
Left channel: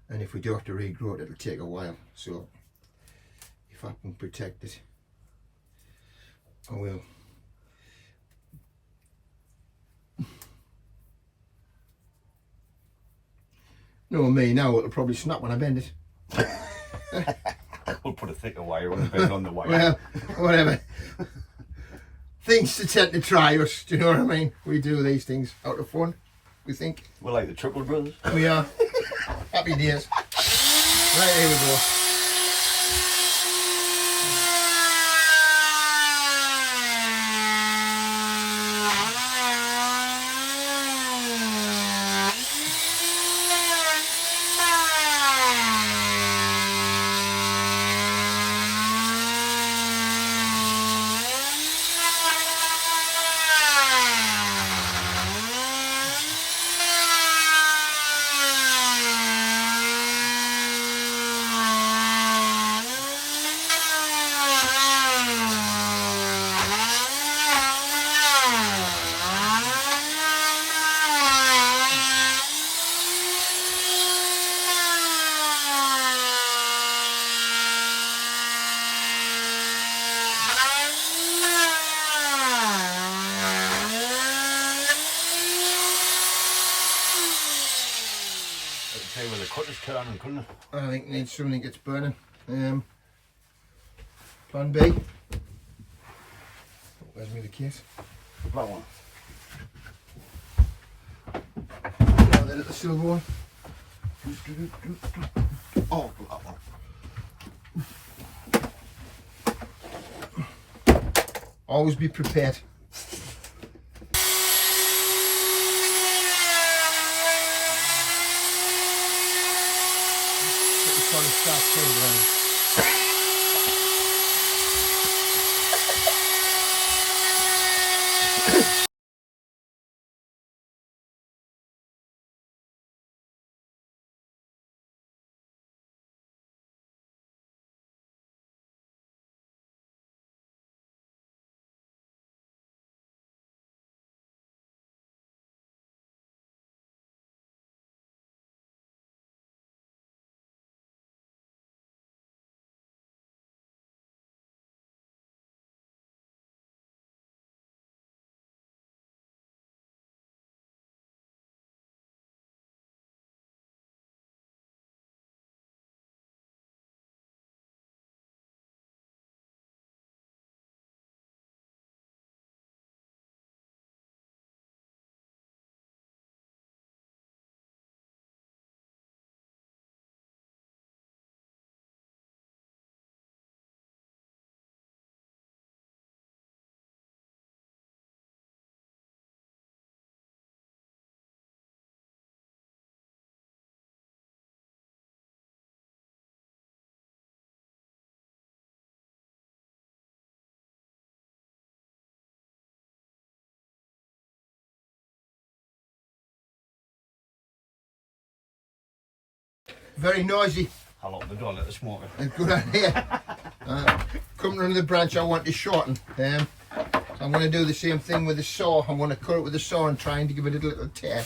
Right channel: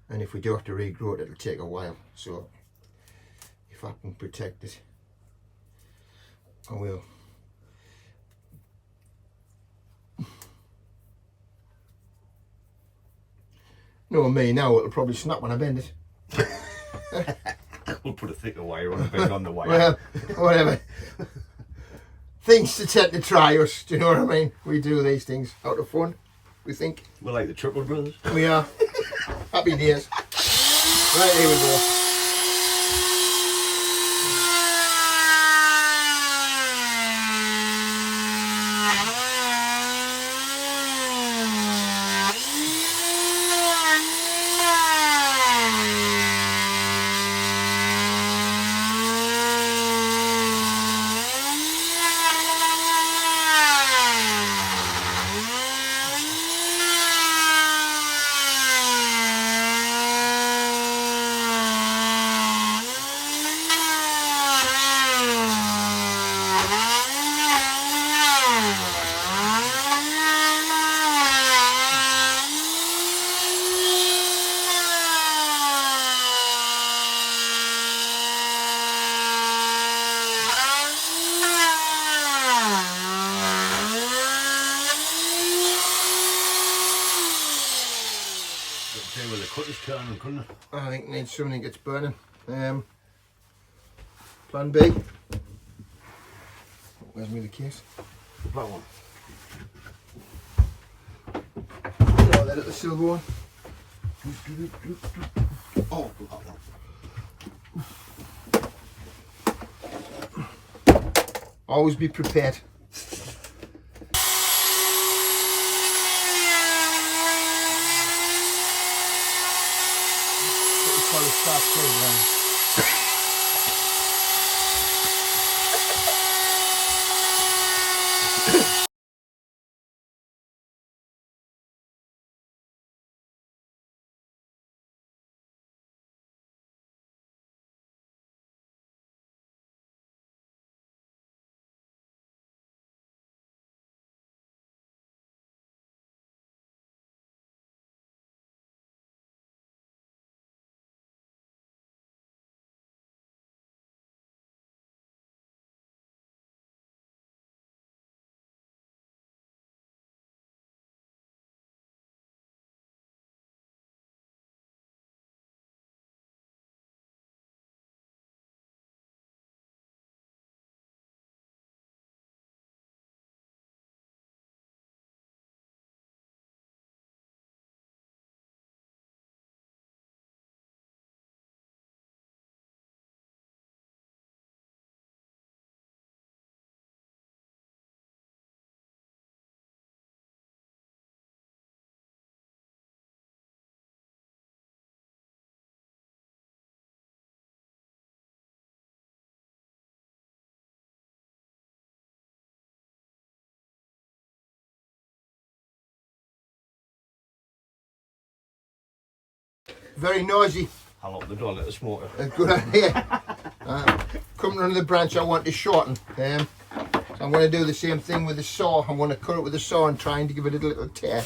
And if we do have to regrow it, it'll take a while. So if I can protect it, I will. No, me now, it'll probably snap when I bend it. We'll put a thicker wire on the bend on the wire. Well, whatever. Things to tend to try us, do you know what I mean? We do these things out of fun, we think. We're like the Triple Brothers. We are. Happy days. Right, there we go. Say when the cutter's turning, couldn't it? I think it needs something that gets burning. Plan B. Where's me the case? That one. Oh, the little silver one. Oh, that one. Always be prepared. Start too, very noisy. I'll open the door, let the smoker. A good idea. Coming under the branch, I want to shorten. So I'm going to do the same thing with the saw. I'm going to cut it with the saw and trying to give it a little tear.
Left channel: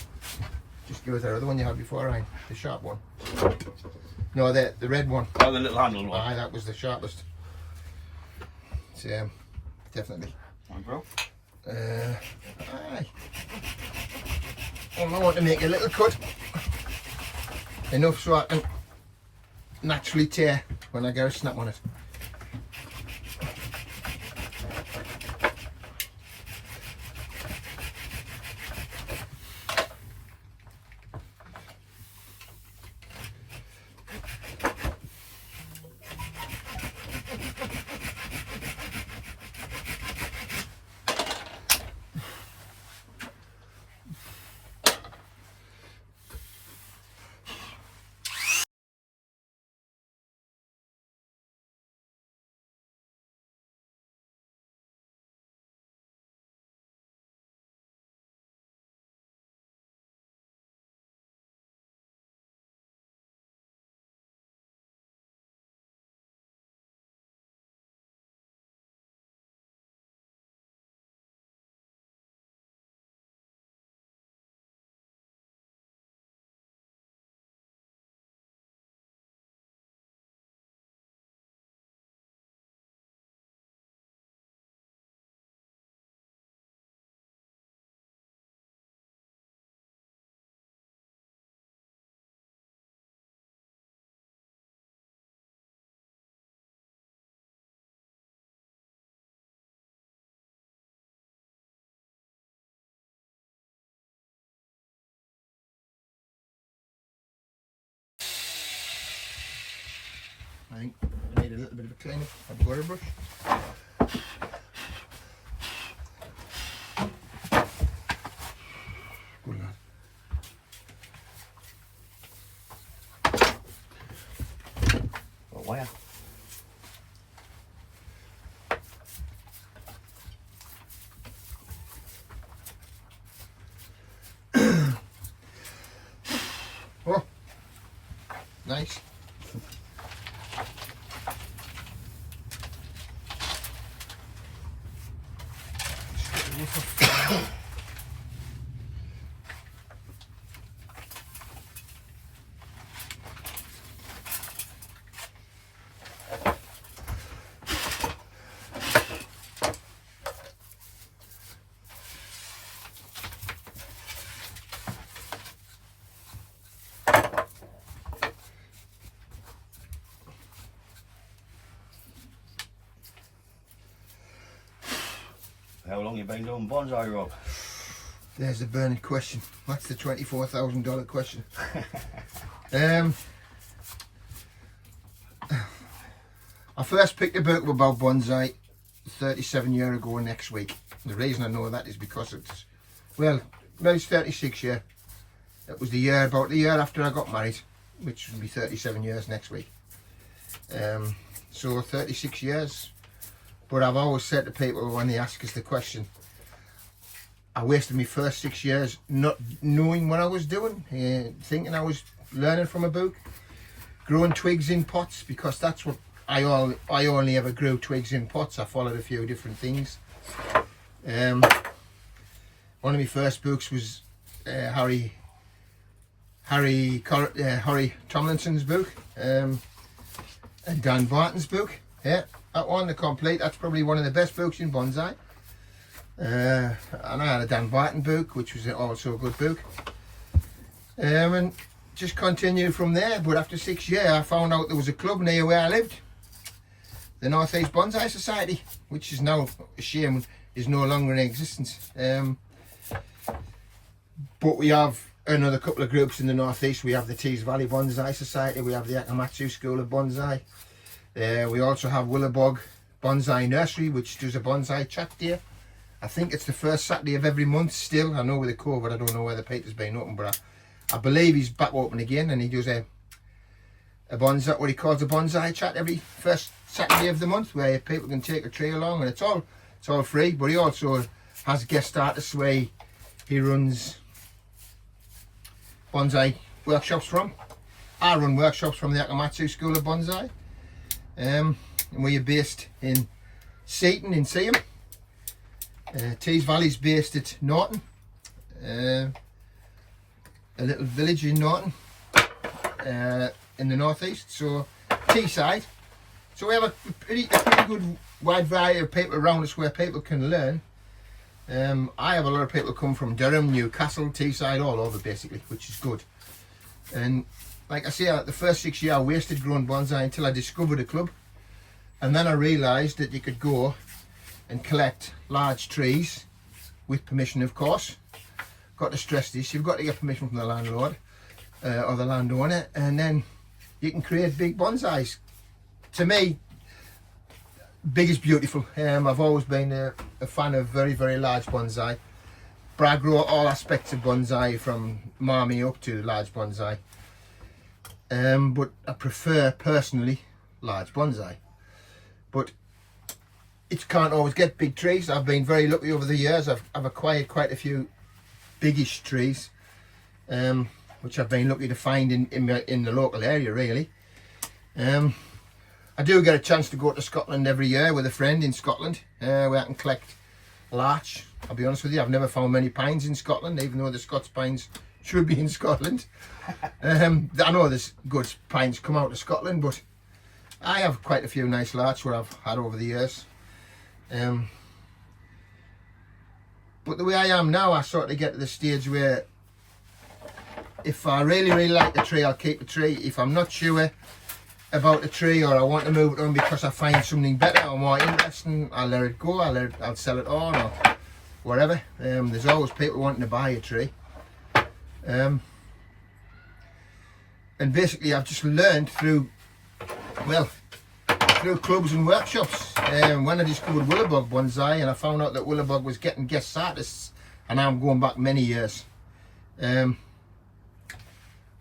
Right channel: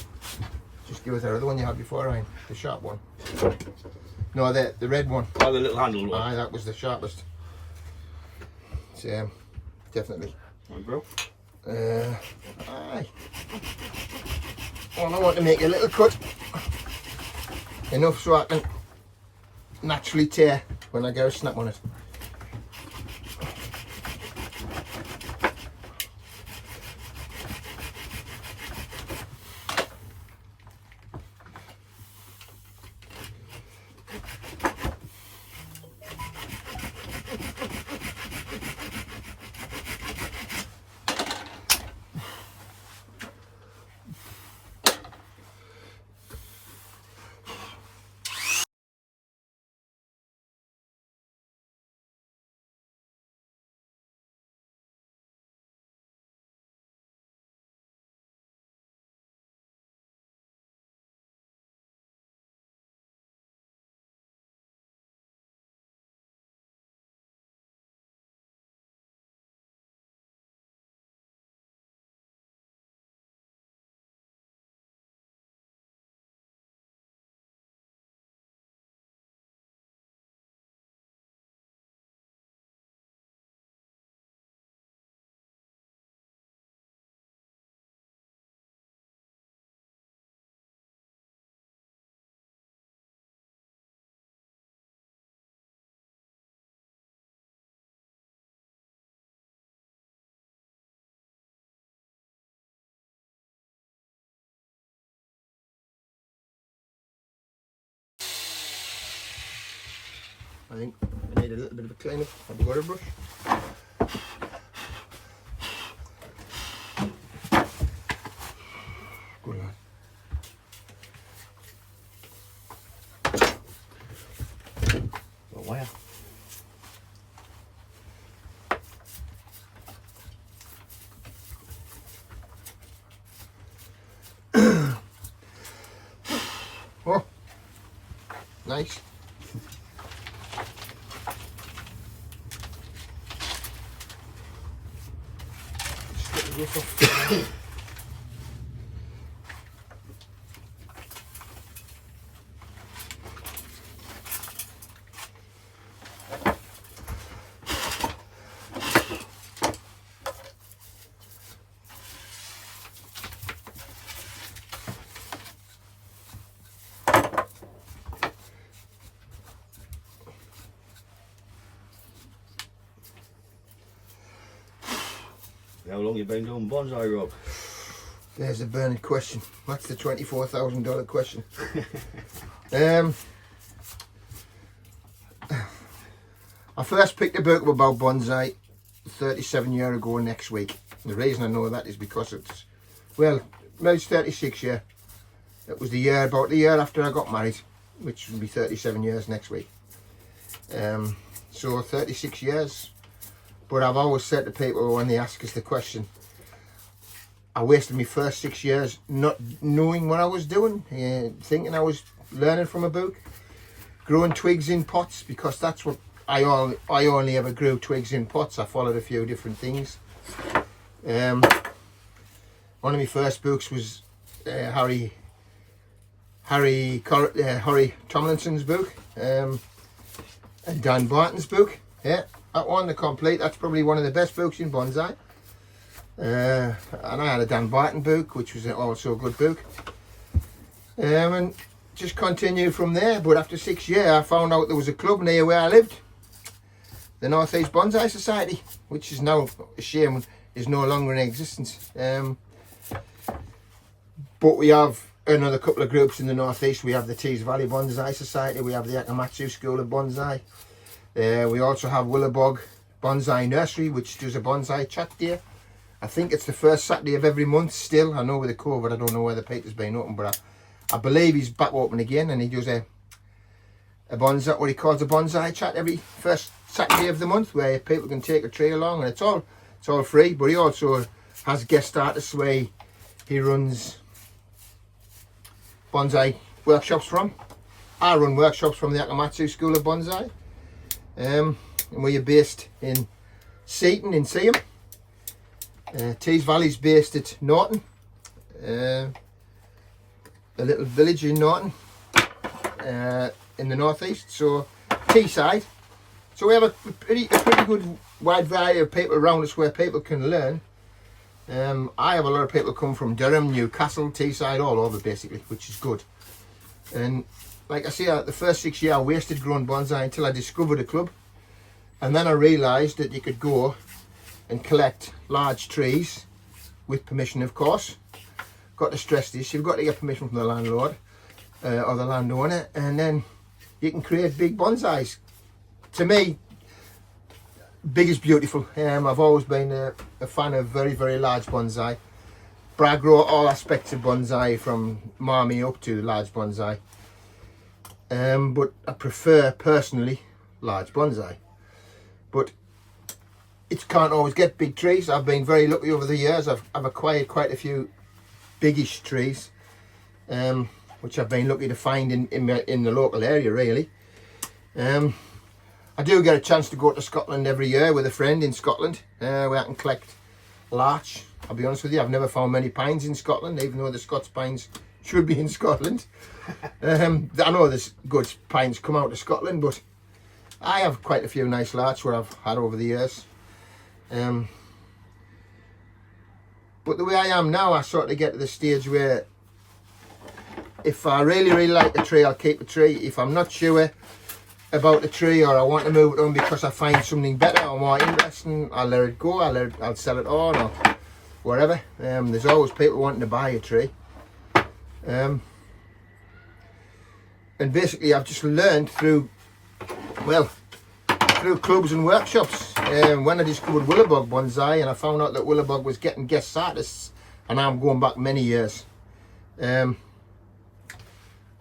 Just give it the other one you had before, Ryan. The sharp one. No, the red one. Oh, the little handle one. Aye, that was the sharpest. So, definitely. Right, bro. Aye. Well, I want to make a little cut. Enough so I can naturally tear when I go snap on it. I think I need a little bit of a clean up. Have you got a brush? Good lad. Got wire. Oh, nice. How long you been doing bonsai, Rob? There's a burning question. That's the $24,000 question. I first picked a book up about bonsai 37 years ago next week. The reason I know that is because it's, well, it's 36 years. It was about the year after I got married, which will be 37 years next week. So 36 years. But I've always said to people when they ask us the question, I wasted my first 6 years not knowing what I was doing, thinking I was learning from a book, growing twigs in pots, because that's what I only ever grew twigs in pots. I followed a few different things. One of my first books was Harry Tomlinson's book, and Dan Barton's book. Yeah, that one, the complete. That's probably one of the best books in bonsai. And I had a Dan Barton book, which was also a good book. And just continued from there. But after 6 years, I found out there was a club near where I lived, the North East Bonsai Society, which is now a shame is no longer in existence. But we have another couple of groups in the North East. We have the Tees Valley Bonsai Society. We have the Matsu School of Bonsai. We also have Willowbog Bonsai Nursery, which does a bonsai chat day. I think it's the first Saturday of every month still. I know with the COVID, I don't know whether Peter's been open, but I believe he's back open again, and he does a bonsai, what he calls a bonsai chat every first Saturday of the month, where people can take a tree along, and it's all free. But he also has guest artists where he runs bonsai workshops from. I run workshops from the Matsu School of Bonsai, and we're based in Seaton in Seaham. Tees Valley's based at Norton, a little village in Norton, in the northeast, so Teesside. So we have a pretty good wide variety of people around us where people can learn. I have a lot of people come from Durham, Newcastle, Teesside, all over basically, which is good. And like I say, the first 6 years I wasted growing bonsai until I discovered a club, and then I realised that you could go and collect large trees with permission, of course. Got to stress this: you've got to get permission from the landlord or the landowner, and then you can create big bonsais. To me, big is beautiful. I've always been a fan of very, very large bonsai, but I grow all aspects of bonsai from marmy up to large bonsai. But I prefer personally large bonsai. But it can't always get big trees. I've been very lucky over the years. I've acquired quite a few biggish trees, which I've been lucky to find in the local area really. I do get a chance to go to Scotland every year with a friend in Scotland, where I can collect larch. I'll be honest with you, I've never found many pines in Scotland, even though the Scots pines should be in Scotland. I know there's good pines come out of Scotland, but I have quite a few nice larch where I've had over the years. But the way I am now, I sort of get to the stage where if I really, really like the tree, I'll keep the tree. If I'm not sure about the tree, or I want to move it on because I find something better or more interesting, I'll let it go. I'll sell it on or whatever. There's always people wanting to buy a tree. And basically I've just learned through clubs and workshops. When I discovered Willowbug Bonsai, and I found out that Willowbug was getting guest artists, and I'm going back many years, I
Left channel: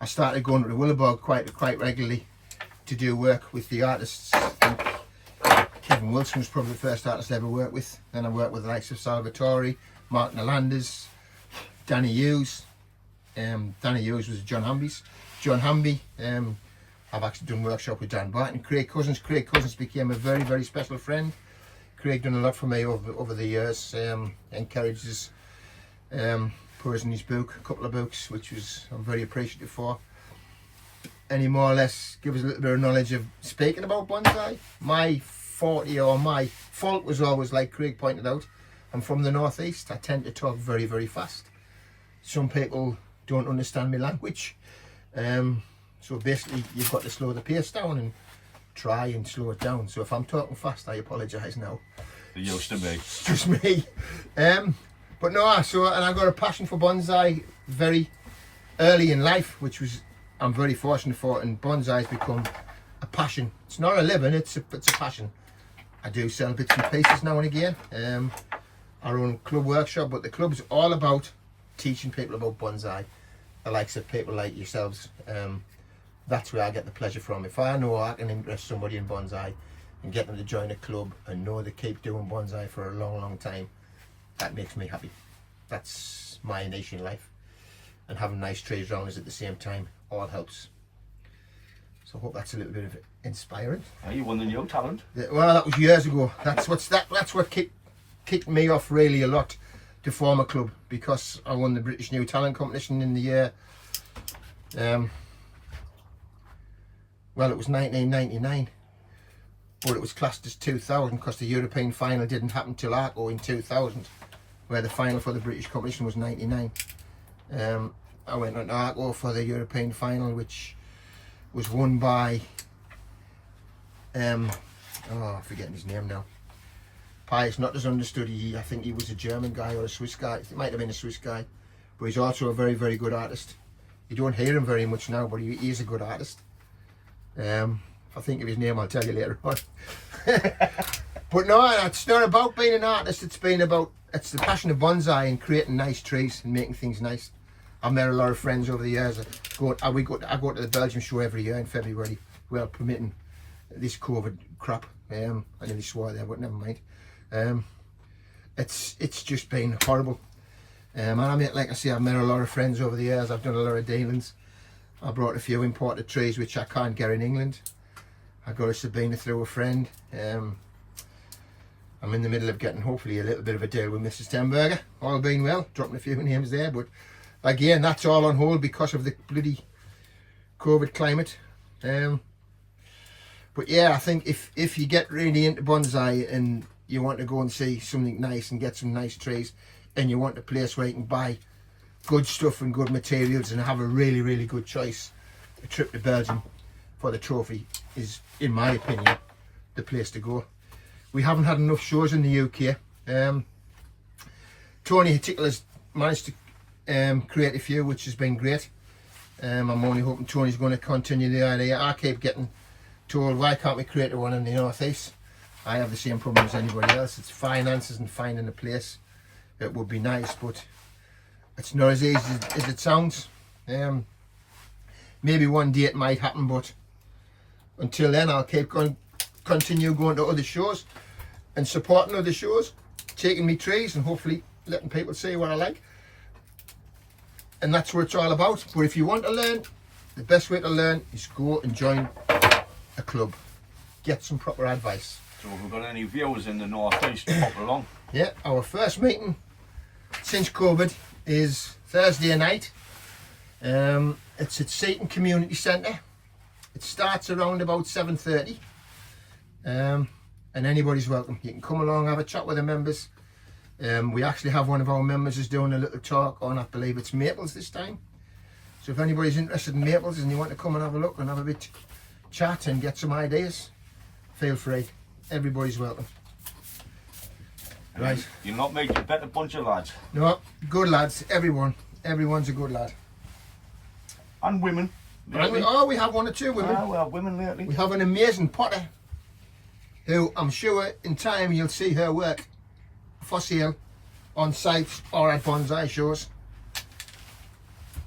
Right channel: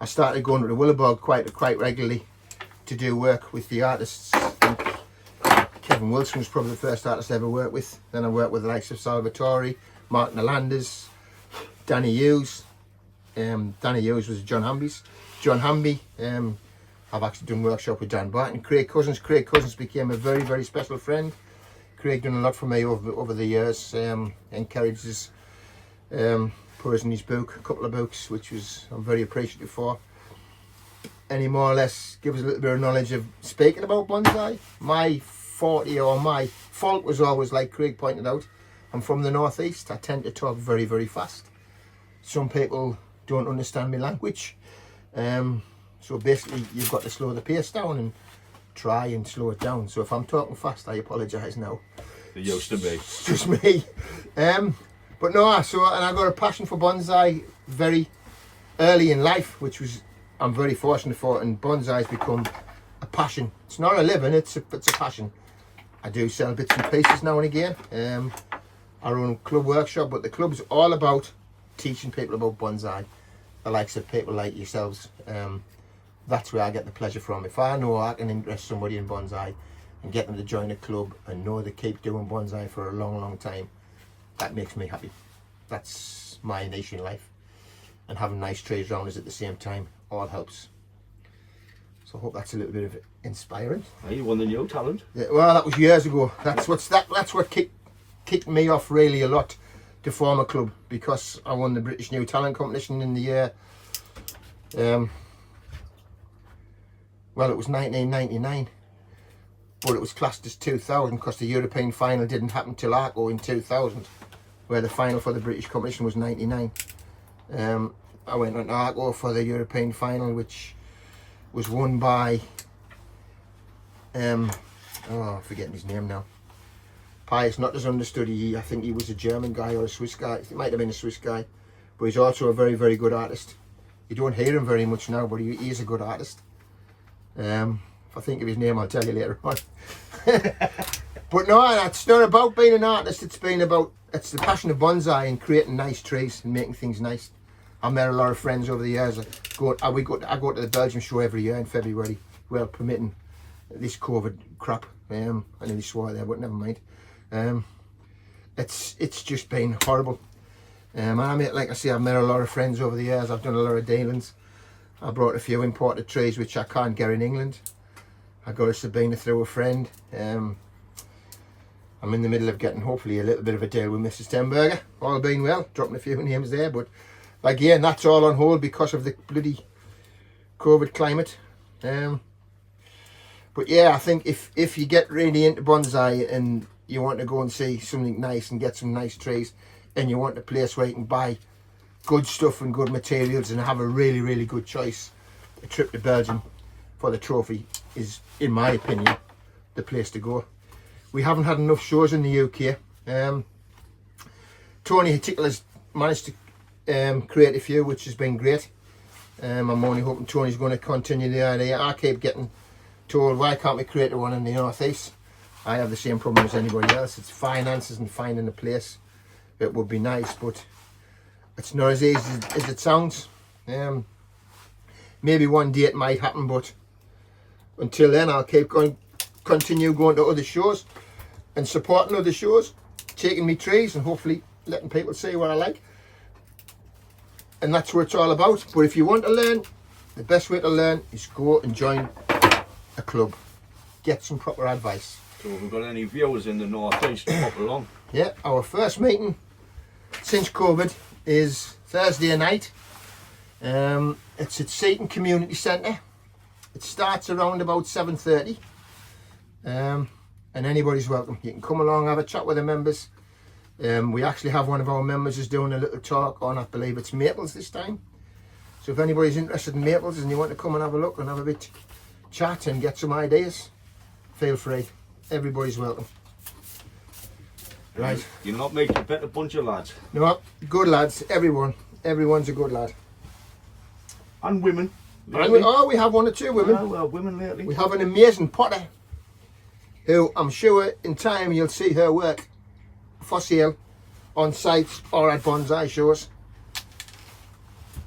started going to the Willowbug quite regularly to do work with the artists. I think Kevin Wilson was probably the first artist I ever worked with. Then I worked with the likes of Salvatore, Mark Nalanders, Danny Hughes. Danny Hughes was John Hamby. I've actually done workshop with Dan Barton. Craig Cousins became a very, very special friend. Craig done a lot for me over the years. Encourages put us in his book, a couple of books, which I'm very appreciative for. And he more or less gives us a little bit of knowledge of speaking about bonsai. My forte or my fault was always, like Craig pointed out, I'm from the northeast. I tend to talk very, very fast. Some people don't understand my language. So basically you've got to slow the pace down and try and slow it down. So if I'm talking fast, I apologise now. It used to be. It's just me. But no, and I got a passion for bonsai very early in life, which I'm very fortunate for, and bonsai has become a passion. It's not a living, it's a passion. I do sell bits and pieces now and again. I run club workshop, but the club's all about teaching people about bonsai, the likes of people like yourselves. That's where I get the pleasure from. If I know I can interest somebody in bonsai and get them to join a club and know they keep doing bonsai for a long, long time, that makes me happy. That's my niche in life. And having nice trees around us at the same time all helps. So I hope that's a little bit of inspiring. Oh, you won the new talent. Well, that was years ago. That's what kicked me off really a lot to form a club, because I won the British New Talent competition in the year, well, it was 1999, but it was classed as 2000 because the European final didn't happen till Arco in 2000, where the final for the British competition was 99. I went on to Arco for the European final, which was won by I'm forgetting his name now. Pius, not as understood. I think he was a German guy or a Swiss guy. It might have been a Swiss guy, but he's also a very, very good artist. You don't hear him very much now, but he is a good artist. If I think of his name, I'll tell you later on. But no, it's not about being an artist. It's the passion of bonsai and creating nice trees and making things nice. I've met a lot of friends over the years. I go to the Belgium show every year in February, well permitting this COVID crap. I nearly swore there, but never mind. It's just been horrible. And like I say, I've met a lot of friends over the years. I've done a lot of dealings. I brought a few imported trees which I can't get in England. I got a Sabina through a friend. I'm in the middle of getting hopefully a little bit of a deal with Mrs. Tenberger. All being well, dropping a few names there, but again, that's all on hold because of the bloody COVID climate. But yeah, I think if you get really into bonsai and you want to go and see something nice and get some nice trees, and you want a place where you can buy good stuff and good materials and have a really, really good choice, a trip to Belgium for the trophy is, in my opinion, the place to go. We haven't had enough shows in the UK. Tony Tickler's managed to create a few, which has been great. I'm only hoping Tony's going to continue the idea. I keep getting told, why can't we create one in the North East? I have the same problem as anybody else. It's finances and finding a place. It would be nice, but it's not as easy as it sounds. Maybe one day it might happen, but until then I'll continue going to other shows and supporting other shows, taking me trees and hopefully letting people see what I like. And that's what it's all about. But if you want to learn, the best way to learn is go and join a club. Get some proper advice. So if we've got any viewers in the North East, pop along. Yeah, our first meeting since COVID is Thursday night. It's at Seaton Community Centre. It starts around about 7:30. And anybody's welcome. You can come along, have a chat with the members. We actually have one of our members is doing a little talk on, I believe it's maples this time. So if anybody's interested in maples and you want to come and have a look and have a bit chat and get some ideas, feel free. Everybody's welcome. Right. You're not making a better bunch of lads. No, good lads, everyone's a good lad. And women. And we have one or two women. Ah, well, women lately. We have an amazing potter who I'm sure in time you'll see her work for sale on sites or at bonsai shows,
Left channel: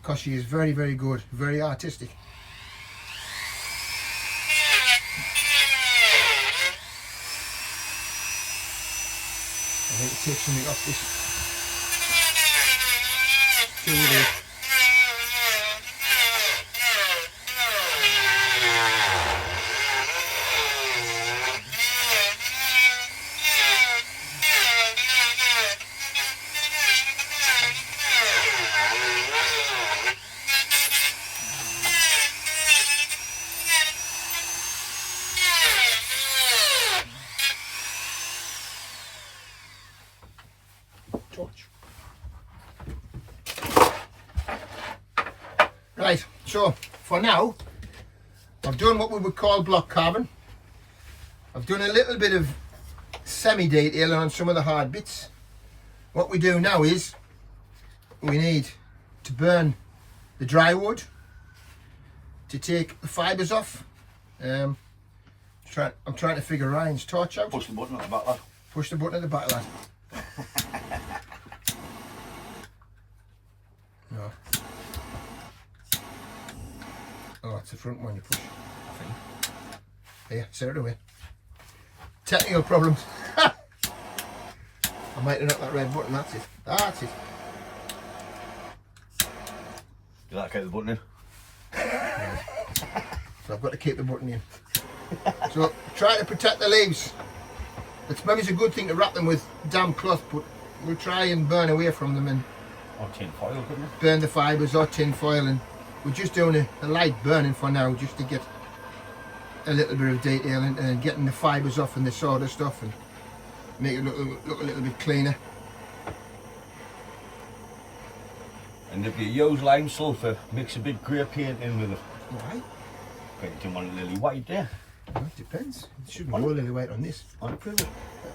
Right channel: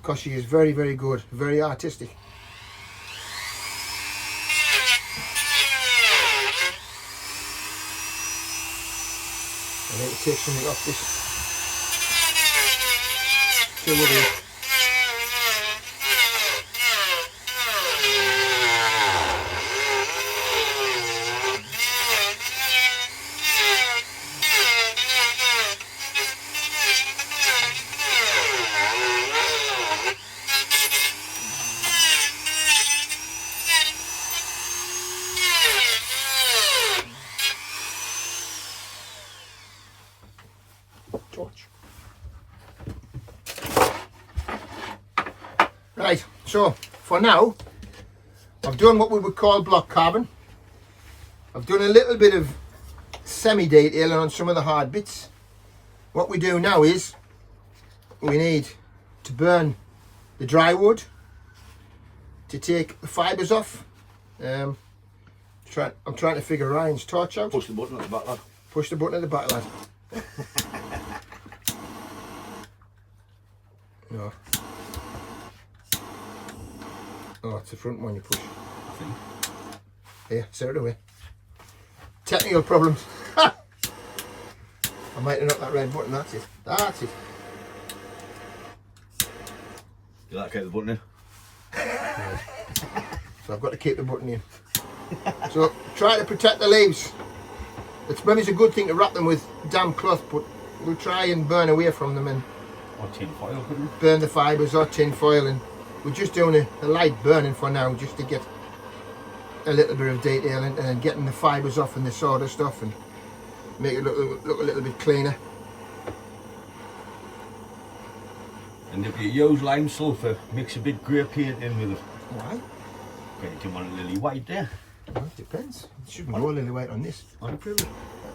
because she is very, very good, very artistic. I think it takes something off this. So we'll do. Right, so for now I've done what we would call block carving. I've done a little bit of semi-detailing on some of the hard bits. What we do now is we need to burn the dry wood to take the fibres off. I'm trying to figure Ryan's torch out. Push the button at the back, lad. Push the button at the back, lad. No. Oh, it's the front one you push. I think. There, set it away. Technical problems. I might have knocked that red button, that's it. That's it. You like to keep the button in? Right. So I've got to keep the button in. So try to protect the leaves. It's maybe a good thing to wrap them with damp cloth, but we'll try and burn away from them and Or tin foil, couldn't you? burn the fibres or tin foil, and we're just doing a light burning for now, just to get a little bit of detail and getting the fibres off and the sawdust off and make it look a little bit cleaner. And if you use lime sulphur, mix a bit grey paint in with it. Alright. Okay, you don't want a lily white there. Well, it depends. It shouldn't go lily white on this. On the Privet.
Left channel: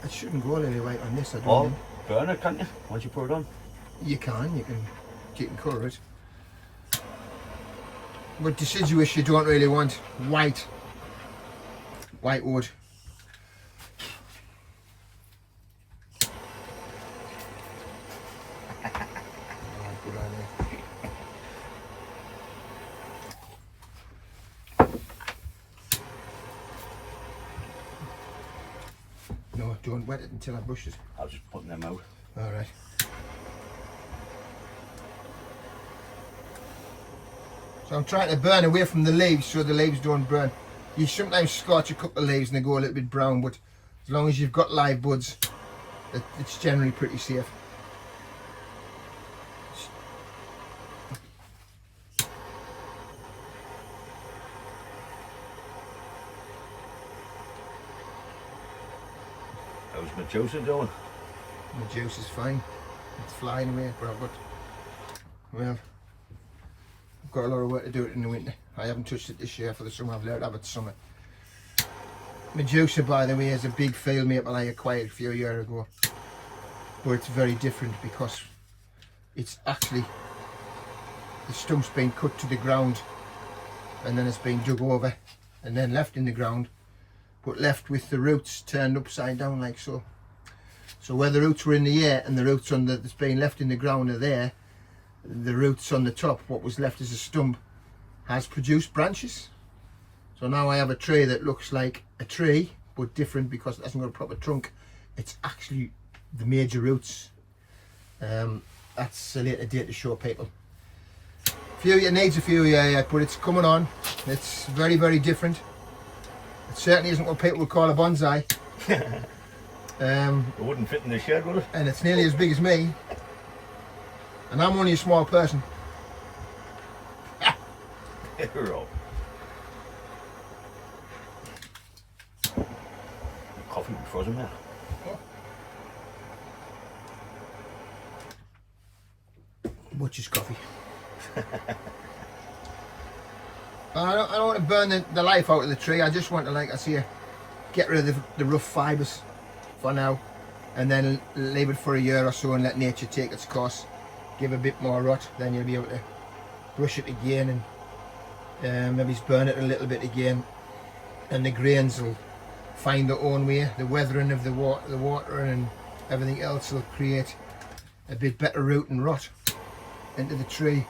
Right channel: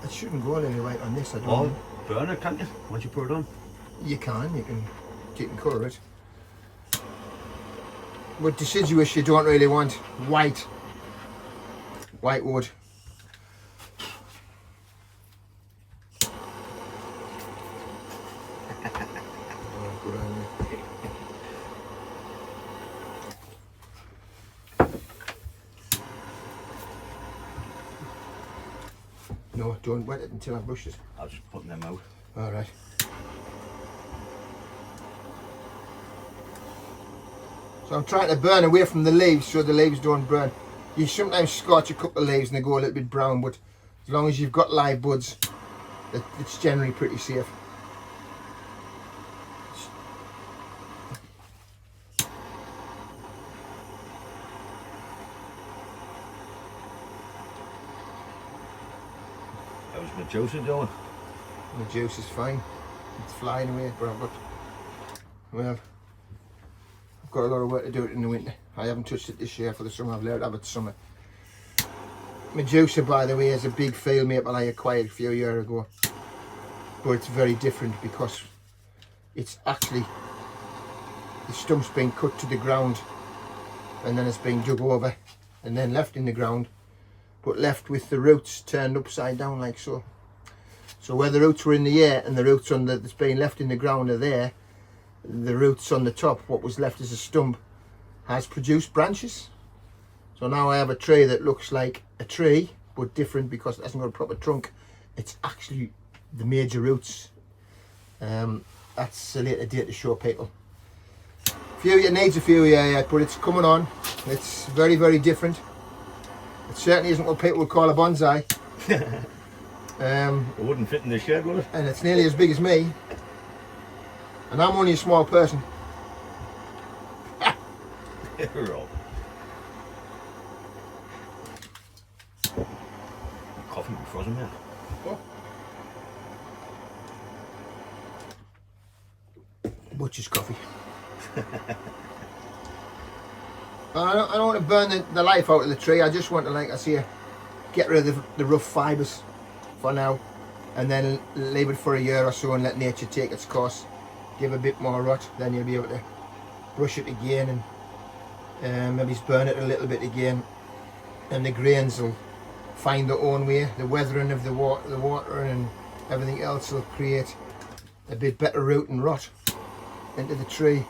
It shouldn't go lily white on this, I don't Or know. burn it, can't you? Once you put it on. You can colour it. With deciduous, you don't really want white wood. No, don't wet it until I've brushed it. I'll just put them out. Alright. So I'm trying to burn away from the leaves so the leaves don't burn. You sometimes scorch a couple of leaves and they go a little bit brown, but as long as you've got live buds, it's generally pretty safe. How's my juicer doing? The juice is fine. It's flying away, but I've got a lot of work to do it in the winter. I haven't touched it this year for the summer. I've learned to have it summer. My juicer, by the way, is a big field maple I acquired a few years ago, but it's very different because it's actually the stump's been cut to the ground and then it's been dug over and then left in the ground, but left with the roots turned upside down like so. So where the roots were in the air and the roots on that's been left in the ground are there, the roots on the top, what was left as a stump, has produced branches. So now I have a tree that looks like a tree, but different because it hasn't got a proper trunk. It's actually the major roots. That's a later date to show people. It needs a few years yet, but it's coming on. It's very, very different. It certainly isn't what people would call a bonsai. It wouldn't fit in the shed, would it? And it's nearly as big as me. And I'm only a small person. Rob. Coffee frozen, man. Butcher's coffee. I don't want to burn the life out of the tree. I just want to, like I say, get rid of the rough fibres for now, and then leave it for a year or so and let nature take its course. Give a bit more rot, then you'll be able to brush it again and maybe burn it a little bit again, and the grains will find their own way. The weathering of the water and everything else will create a bit better root and rot into the tree.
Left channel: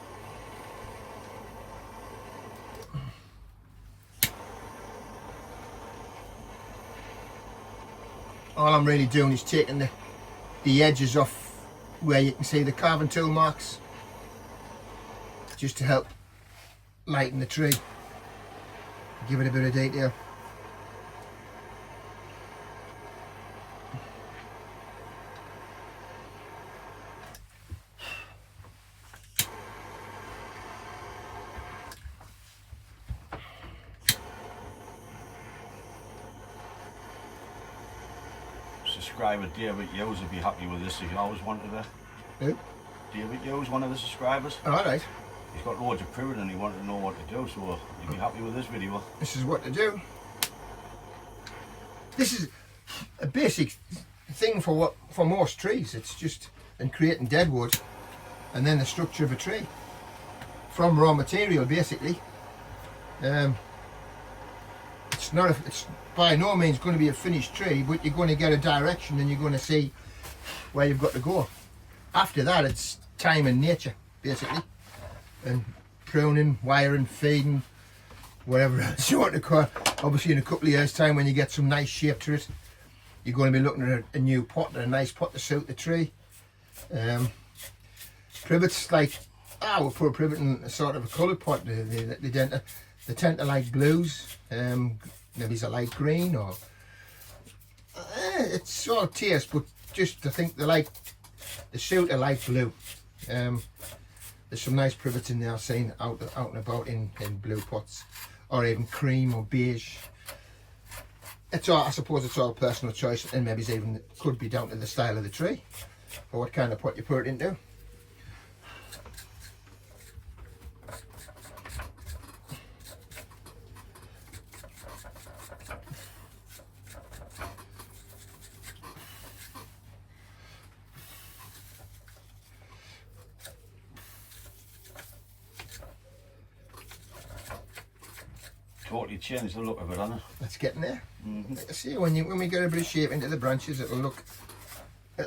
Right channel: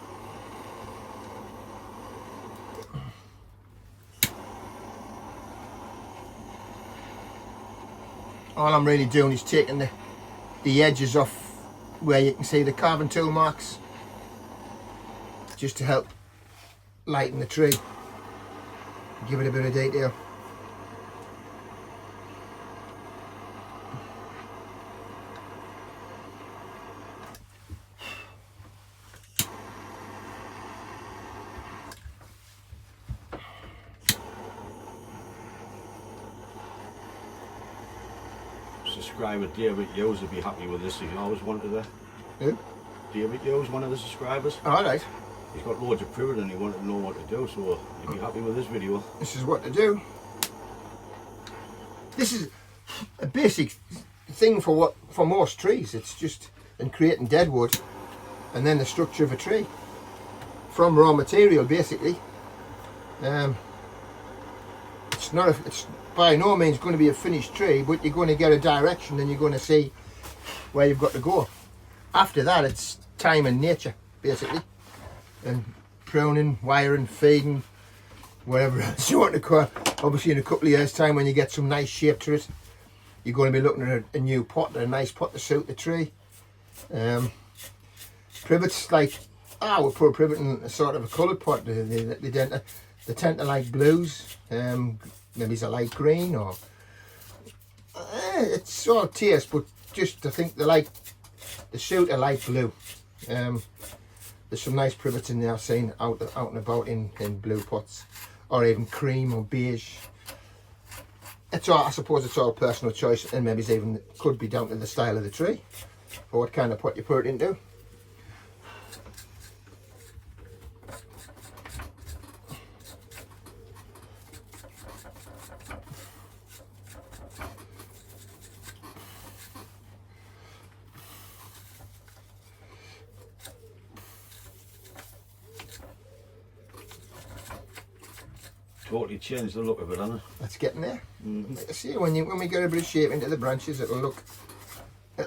All I'm really doing is taking the edges off where you can see the carving tool marks, just to help lighten the tree, give it a bit of detail. Subscriber David Yo's would be happy with this. He always wanted that. Who? David Yo's one of the subscribers. Alright. He's got loads of privet and he wanted to know what to do, so he'd be happy with this video. This is what to do. This is a basic thing for most trees. It's just in creating dead wood and then the structure of a tree from raw material, basically. It's by no means going to be a finished tree, but you're going to get a direction and you're going to see where you've got to go. After that, it's time and nature, basically, and pruning, wiring, feeding, whatever else you want to call it. Obviously in a couple of years time, when you get some nice shape to it, you're going to be looking at a new pot, a nice pot to suit the tree. Privets, like, we'll put a privet in a sort of a coloured pot. They tend to like blues, maybe it's a light green, or it's all taste, but just I think they suit a light blue. There's some nice privets in there I've seen out and about in blue pots, or even cream or beige. It's all, I suppose it's all personal choice, and maybe it's even could be down to the style of the tree or what kind of pot you put it into. Totally changed the look of it, hasn't it? It's getting there. See, when we get a bit of shape into the branches, it'll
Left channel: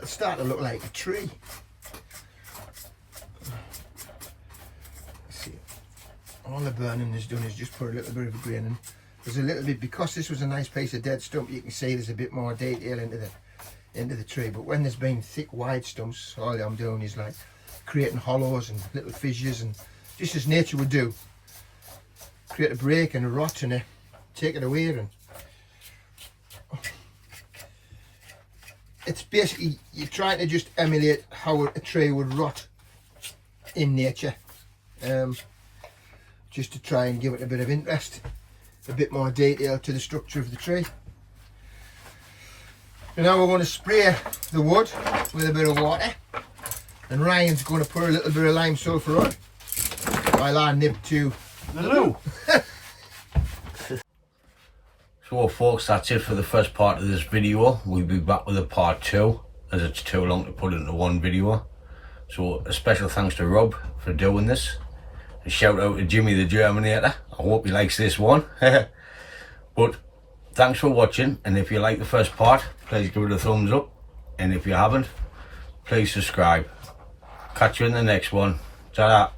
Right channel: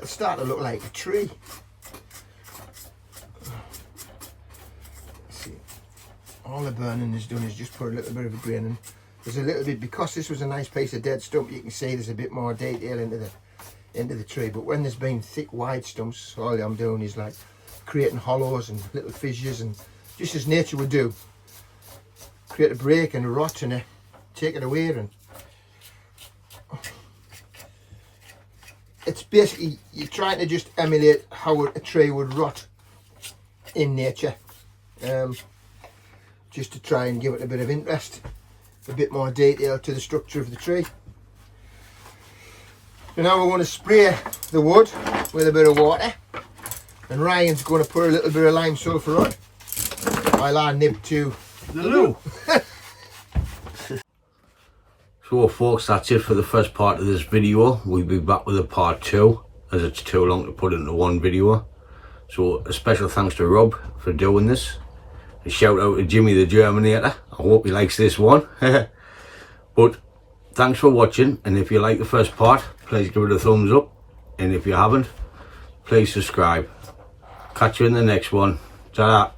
start to look like a tree. See, all the burning is done is just put a little bit of a grain in. There's a little bit, because this was a nice piece of dead stump, you can see there's a bit more detail into the tree. But when there's been thick, wide stumps, all I'm doing is like creating hollows and little fissures, and just as nature would do. create a break and a rot and take it away. And it's basically, you're trying to just emulate how a tree would rot in nature, just to try and give it a bit of interest, a bit more detail to the structure of the tree. So now we're going to spray the wood with a bit of water, and Ryan's going to put a little bit of lime sulphur on while I nib to the loo. So folks, that's it for the first part of this video. We'll be back with a part 2, as it's too long to put into one video. So a special thanks to Rob for doing this. A shout out to Jimmy the Germinator. I hope he likes this one. But thanks for watching, and if you like the first part, please give it a thumbs up, and if you haven't, please subscribe. Catch you in the next one. Ta-da.